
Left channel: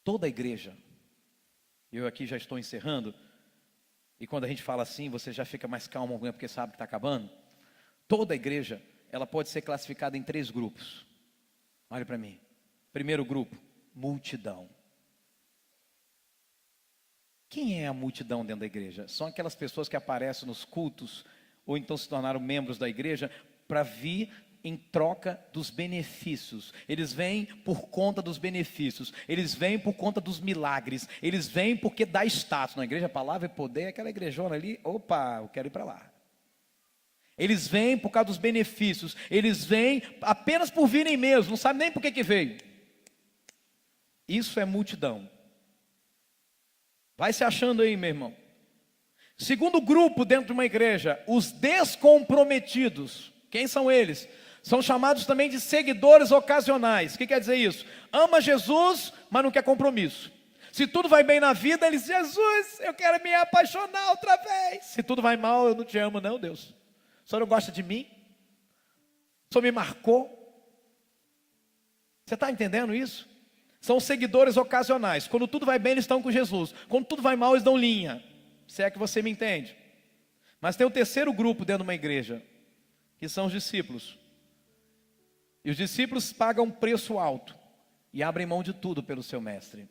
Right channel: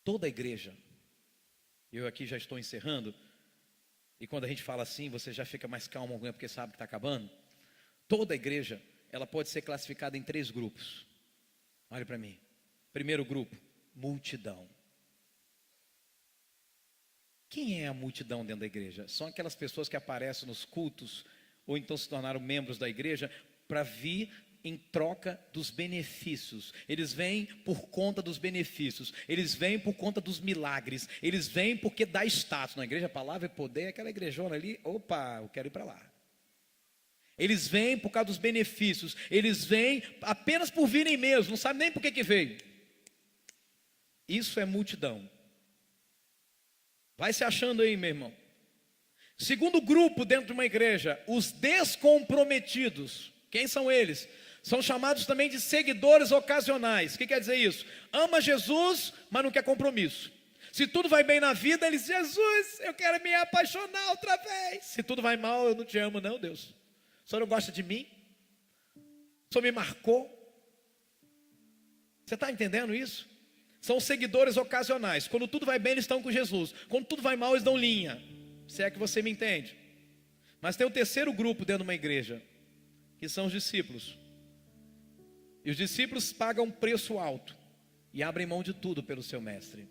Toda a igreja, eu aqui já estou encerrando, e quando a gente fala assim, você já fica mais calmo, porque sabe que está acabando. Toda a igreja, ela pode ser classificada em 3 grupos. Olha para mim. Primeiro grupo, multidão. Quem é a multidão dentro da igreja? São aquelas pessoas que aparecem nos cultos, ou então se tornaram membros da igreja, para vir em troca dos benefícios. Eles vêm por conta dos benefícios. Eles vêm por conta dos milagres. Eles vêm porque dá status. Na igreja, a palavra e poder, aquela igrejona ali, opa, eu quero ir para lá. Eles vêm por causa dos benefícios. Eles vêm apenas por virem mesmo. Não sabe nem por que veio. Isso é multidão. Vai se achando aí, meu irmão. Segundo grupo dentro de uma igreja, os descomprometidos. Quem são eles? São chamados também de seguidores ocasionais. O que quer dizer isso? Ama Jesus, mas não quer compromisso. Se tudo vai bem na vida, eles dizem: Jesus, eu quero me apaixonar outra vez. Se tudo vai mal, eu não te amo não, Deus. O Senhor não gosta de mim? O Senhor me marcou? Você está entendendo isso? São seguidores ocasionais. Quando tudo vai bem, eles estão com Jesus. Quando tudo vai mal, eles dão linha. Se é que você me entende. Mas tem o terceiro grupo dentro de uma igreja, que são os discípulos. E os discípulos pagam um preço alto e abrem mão de tudo pelo seu mestre.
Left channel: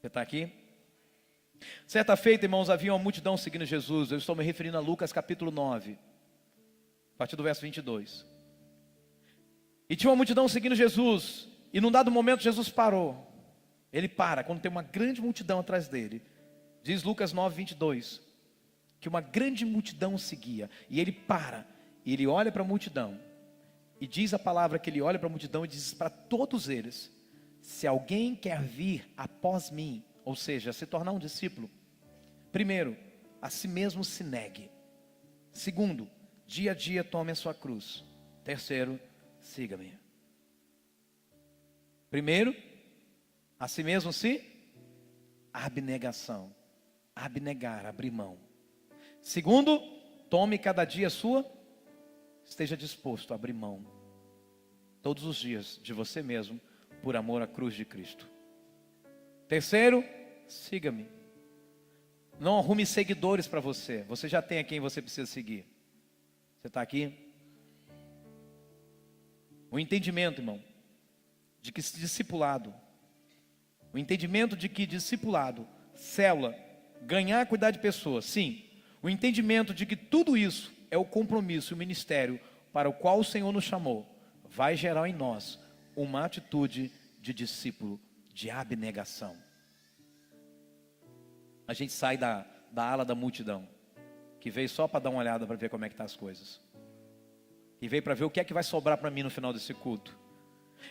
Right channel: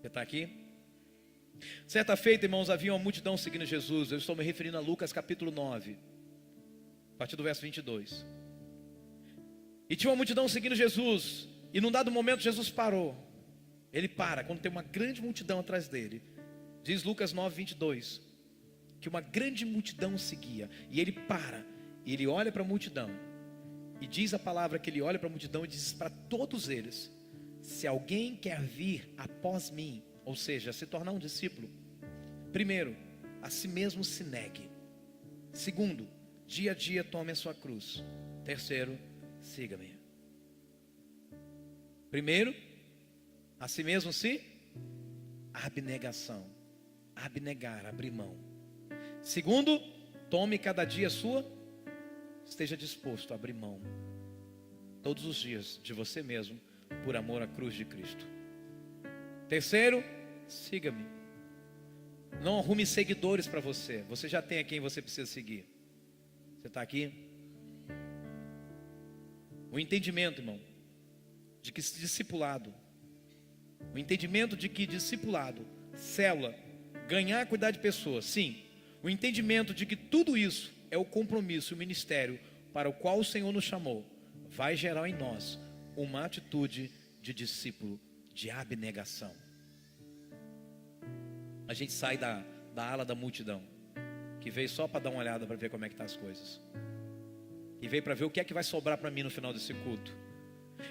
Você está aqui? Certa feita, irmãos, havia uma multidão seguindo Jesus. Eu estou me referindo a Lucas capítulo 9, a partir do verso 22. E tinha uma multidão seguindo Jesus. E num dado momento Jesus parou. Ele para quando tem uma grande multidão atrás dele. Diz Lucas 9, 22, que uma grande multidão o seguia. E ele para, e ele olha para a multidão. E diz a palavra que ele olha para a multidão e diz para todos eles: se alguém quer vir após mim, ou seja, se tornar um discípulo, primeiro, a si mesmo se negue. Segundo, dia a dia tome a sua cruz. Terceiro, siga-me. Primeiro, a si mesmo se abnegação. Abnegar, abrir mão. Segundo, tome cada dia a sua, esteja disposto a abrir mão todos os dias de você mesmo, por amor à cruz de Cristo. Terceiro, siga-me. Não arrume seguidores para você. Você já tem a quem você precisa seguir. Você está aqui? O entendimento, irmão, de que discipulado, o entendimento de que discipulado, célula, ganhar, cuidar de pessoas, sim. O entendimento de que tudo isso é o compromisso, o ministério para o qual o Senhor nos chamou, vai gerar em nós uma atitude de discípulo, de abnegação. A gente sai da ala da multidão, que veio só para dar uma olhada para ver como é que estão as coisas, que veio para ver o que é que vai sobrar para mim no final desse culto.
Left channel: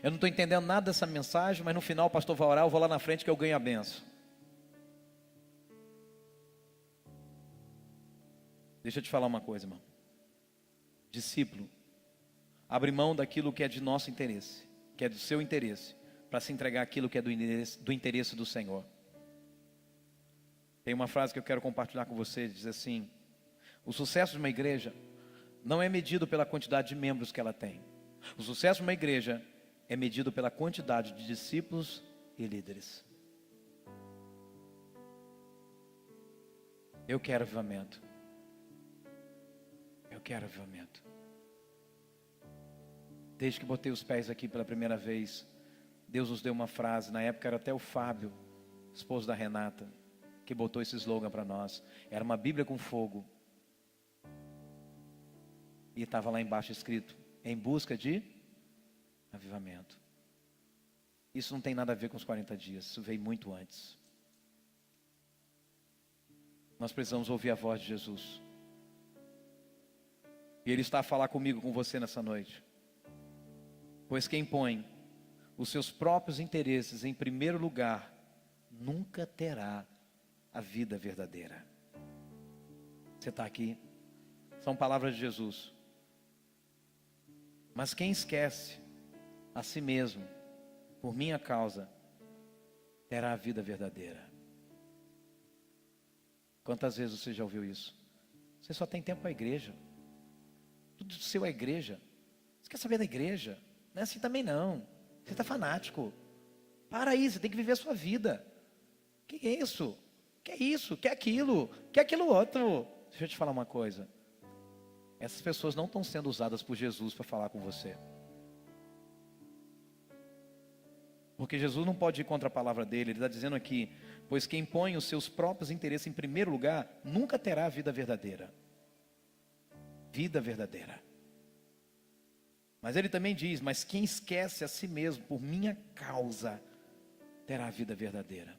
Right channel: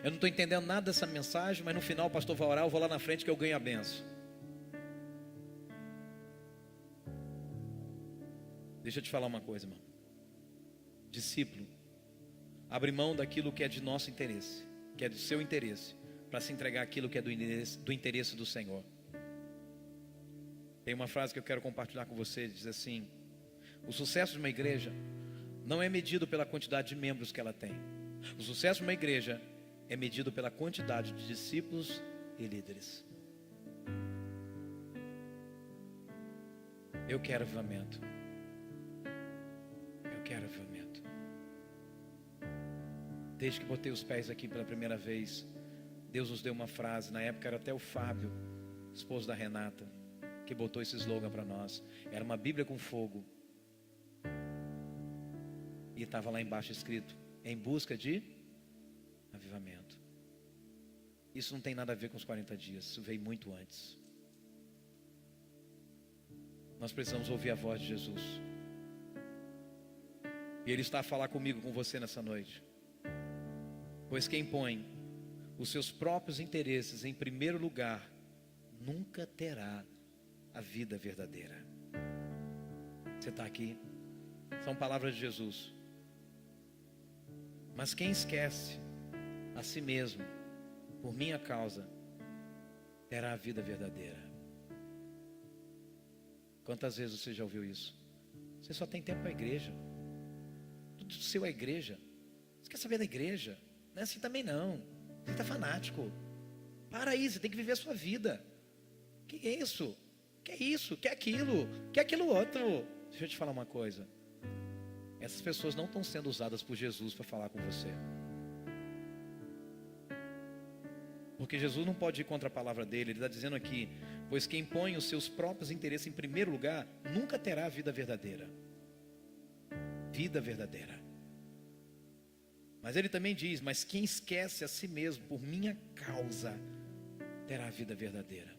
Eu não estou entendendo nada dessa mensagem, mas no final o pastor vai orar, eu vou lá na frente que eu ganho a benção. Deixa eu te falar uma coisa, irmão. Discípulo abre mão daquilo que é de nosso interesse, que é do seu interesse, para se entregar aquilo que é do interesse do Senhor. Tem uma frase que eu quero compartilhar com você, diz assim: o sucesso de uma igreja não é medido pela quantidade de membros que ela tem. O sucesso de uma igreja é medido pela quantidade de discípulos e líderes. Eu quero avivamento. Eu quero avivamento. Desde que botei os pés aqui pela primeira vez, Deus nos deu uma frase. Na época era até o Fábio, esposo da Renata, que botou esse slogan para nós. Era uma Bíblia com fogo. E estava lá embaixo escrito: em busca de avivamento. Isso não tem nada a ver com os 40 dias. Isso veio muito antes. Nós precisamos ouvir a voz de Jesus. E Ele está a falar comigo, com você nessa noite. Pois quem põe os seus próprios interesses em primeiro lugar, nunca terá a vida verdadeira. Você está aqui? São palavras de Jesus. Mas quem esquece a si mesmo, por minha causa, terá a vida verdadeira. Quantas vezes você já ouviu isso? Você só tem tempo para a igreja. Tudo seu é igreja. Você quer saber da igreja? Não é assim também não. Você está fanático. Para aí, você tem que viver a sua vida. Que é isso? Que é isso? Que é aquilo? Que é aquilo outro? Deixa eu te falar uma coisa. Essas pessoas não estão sendo usadas por Jesus para falar com você. Porque Jesus não pode ir contra a palavra dele. Ele está dizendo aqui: pois quem põe os seus próprios interesses em primeiro lugar, nunca terá a vida verdadeira. Vida verdadeira. Mas ele também diz: mas quem esquece a si mesmo por minha causa, terá a vida verdadeira.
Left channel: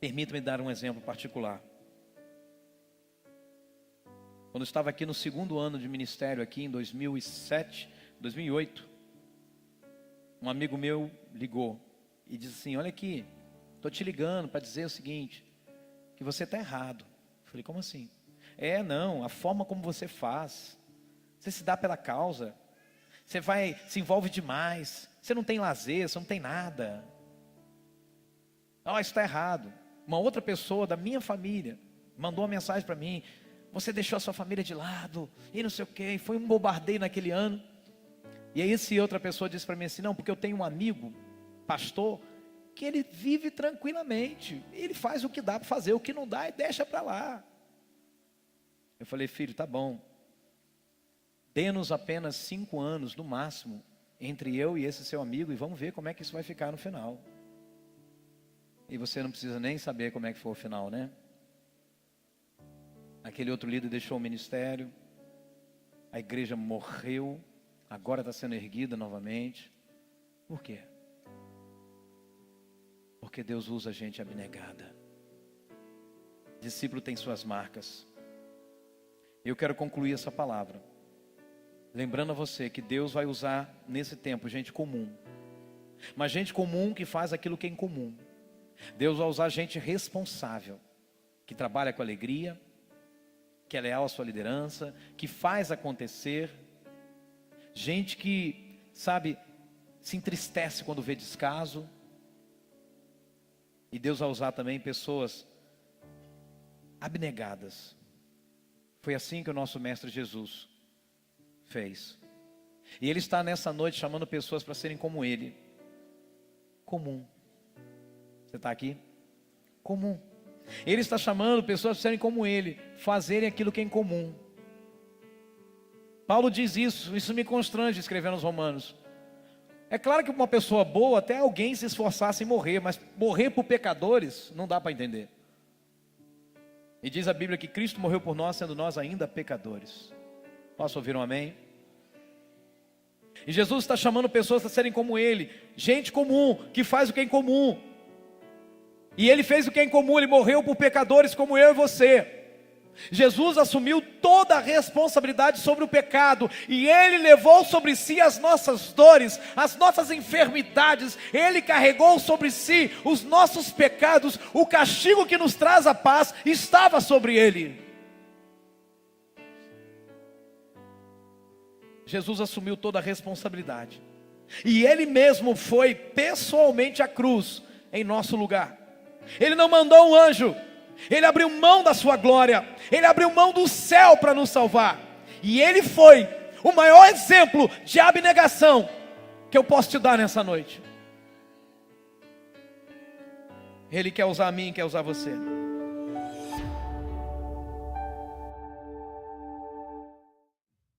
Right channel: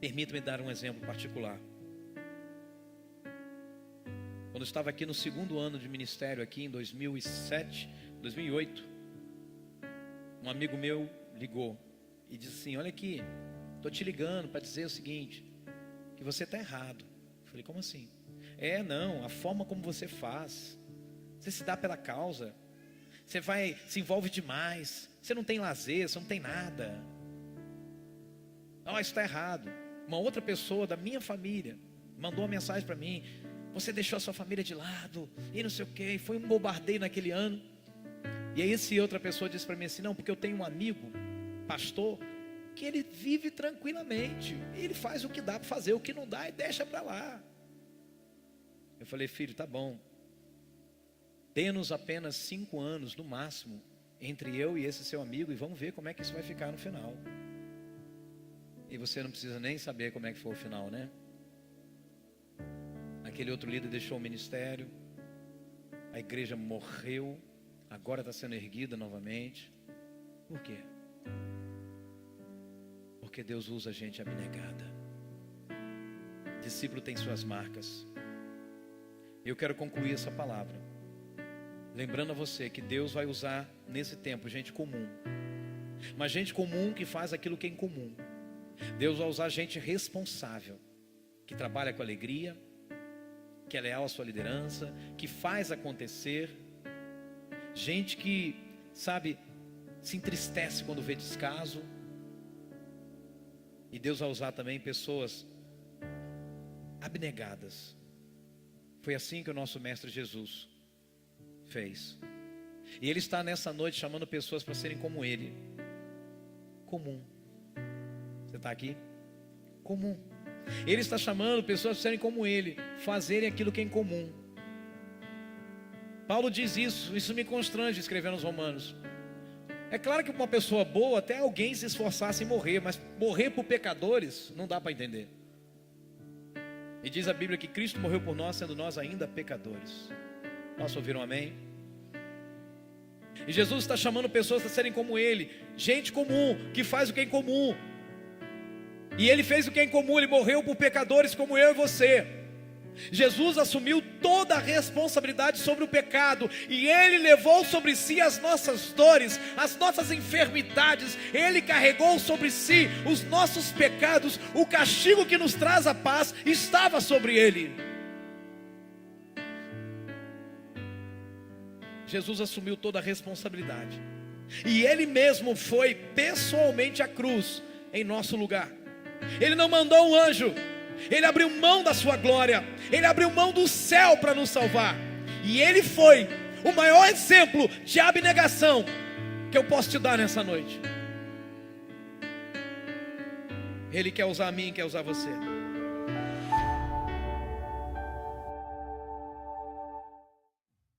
Permita-me dar um exemplo particular. Quando eu estava aqui no segundo ano de ministério, aqui em 2007, 2008, um amigo meu ligou e disse assim: olha aqui, estou te ligando para dizer o seguinte, que você está errado. Eu falei: como assim? Não, a forma como você faz, você se dá pela causa, você se envolve demais, você não tem lazer, você não tem nada. Isso está errado. Uma outra pessoa da minha família mandou uma mensagem para mim: você deixou a sua família de lado, e não sei o que, foi um bombardeio naquele ano. E aí essa outra pessoa disse para mim assim: não, porque eu tenho um amigo, pastor, que ele vive tranquilamente, ele faz o que dá para fazer, o que não dá, e deixa para lá. Eu falei: filho, tá bom, dê-nos apenas 5 anos no máximo, entre eu e esse seu amigo, e vamos ver como é que isso vai ficar no final. E você não precisa nem saber como é que foi o final, né? Aquele outro líder deixou o ministério, a igreja morreu, agora está sendo erguida novamente. Por quê? Porque Deus usa gente abnegada. Discípulo tem suas marcas. Eu quero concluir essa palavra lembrando a você que Deus vai usar nesse tempo gente comum, mas gente comum que faz aquilo que é incomum. Deus vai usar gente responsável, que trabalha com alegria, que é leal à sua liderança, que faz acontecer. Gente que, sabe, se entristece quando vê descaso. E Deus vai usar também pessoas abnegadas. Foi assim que o nosso Mestre Jesus fez. E Ele está nessa noite chamando pessoas para serem como Ele. Comum. Você está aqui? Comum. Ele está chamando pessoas para serem como Ele, fazerem aquilo que é incomum. Paulo diz isso me constrange escrevendo aos Romanos. É claro que uma pessoa boa, até alguém se esforçasse em morrer, mas morrer por pecadores, não dá para entender. E diz a Bíblia que Cristo morreu por nós, sendo nós ainda pecadores. Posso ouvir um amém? E Jesus está chamando pessoas para serem como Ele, gente comum, que faz o que é incomum. E Ele fez o que é incomum, Ele morreu por pecadores como eu e você. Jesus assumiu toda a responsabilidade sobre o pecado, e Ele levou sobre si as nossas dores, as nossas enfermidades. Ele carregou sobre si os nossos pecados. O castigo que nos traz a paz estava sobre Ele. Jesus assumiu toda a responsabilidade, e Ele mesmo foi pessoalmente à cruz em nosso lugar. Ele não mandou um anjo, Ele abriu mão da sua glória, Ele abriu mão do céu para nos salvar. E Ele foi o maior exemplo de abnegação que eu posso te dar nessa noite. Ele quer usar a mim, quer usar você.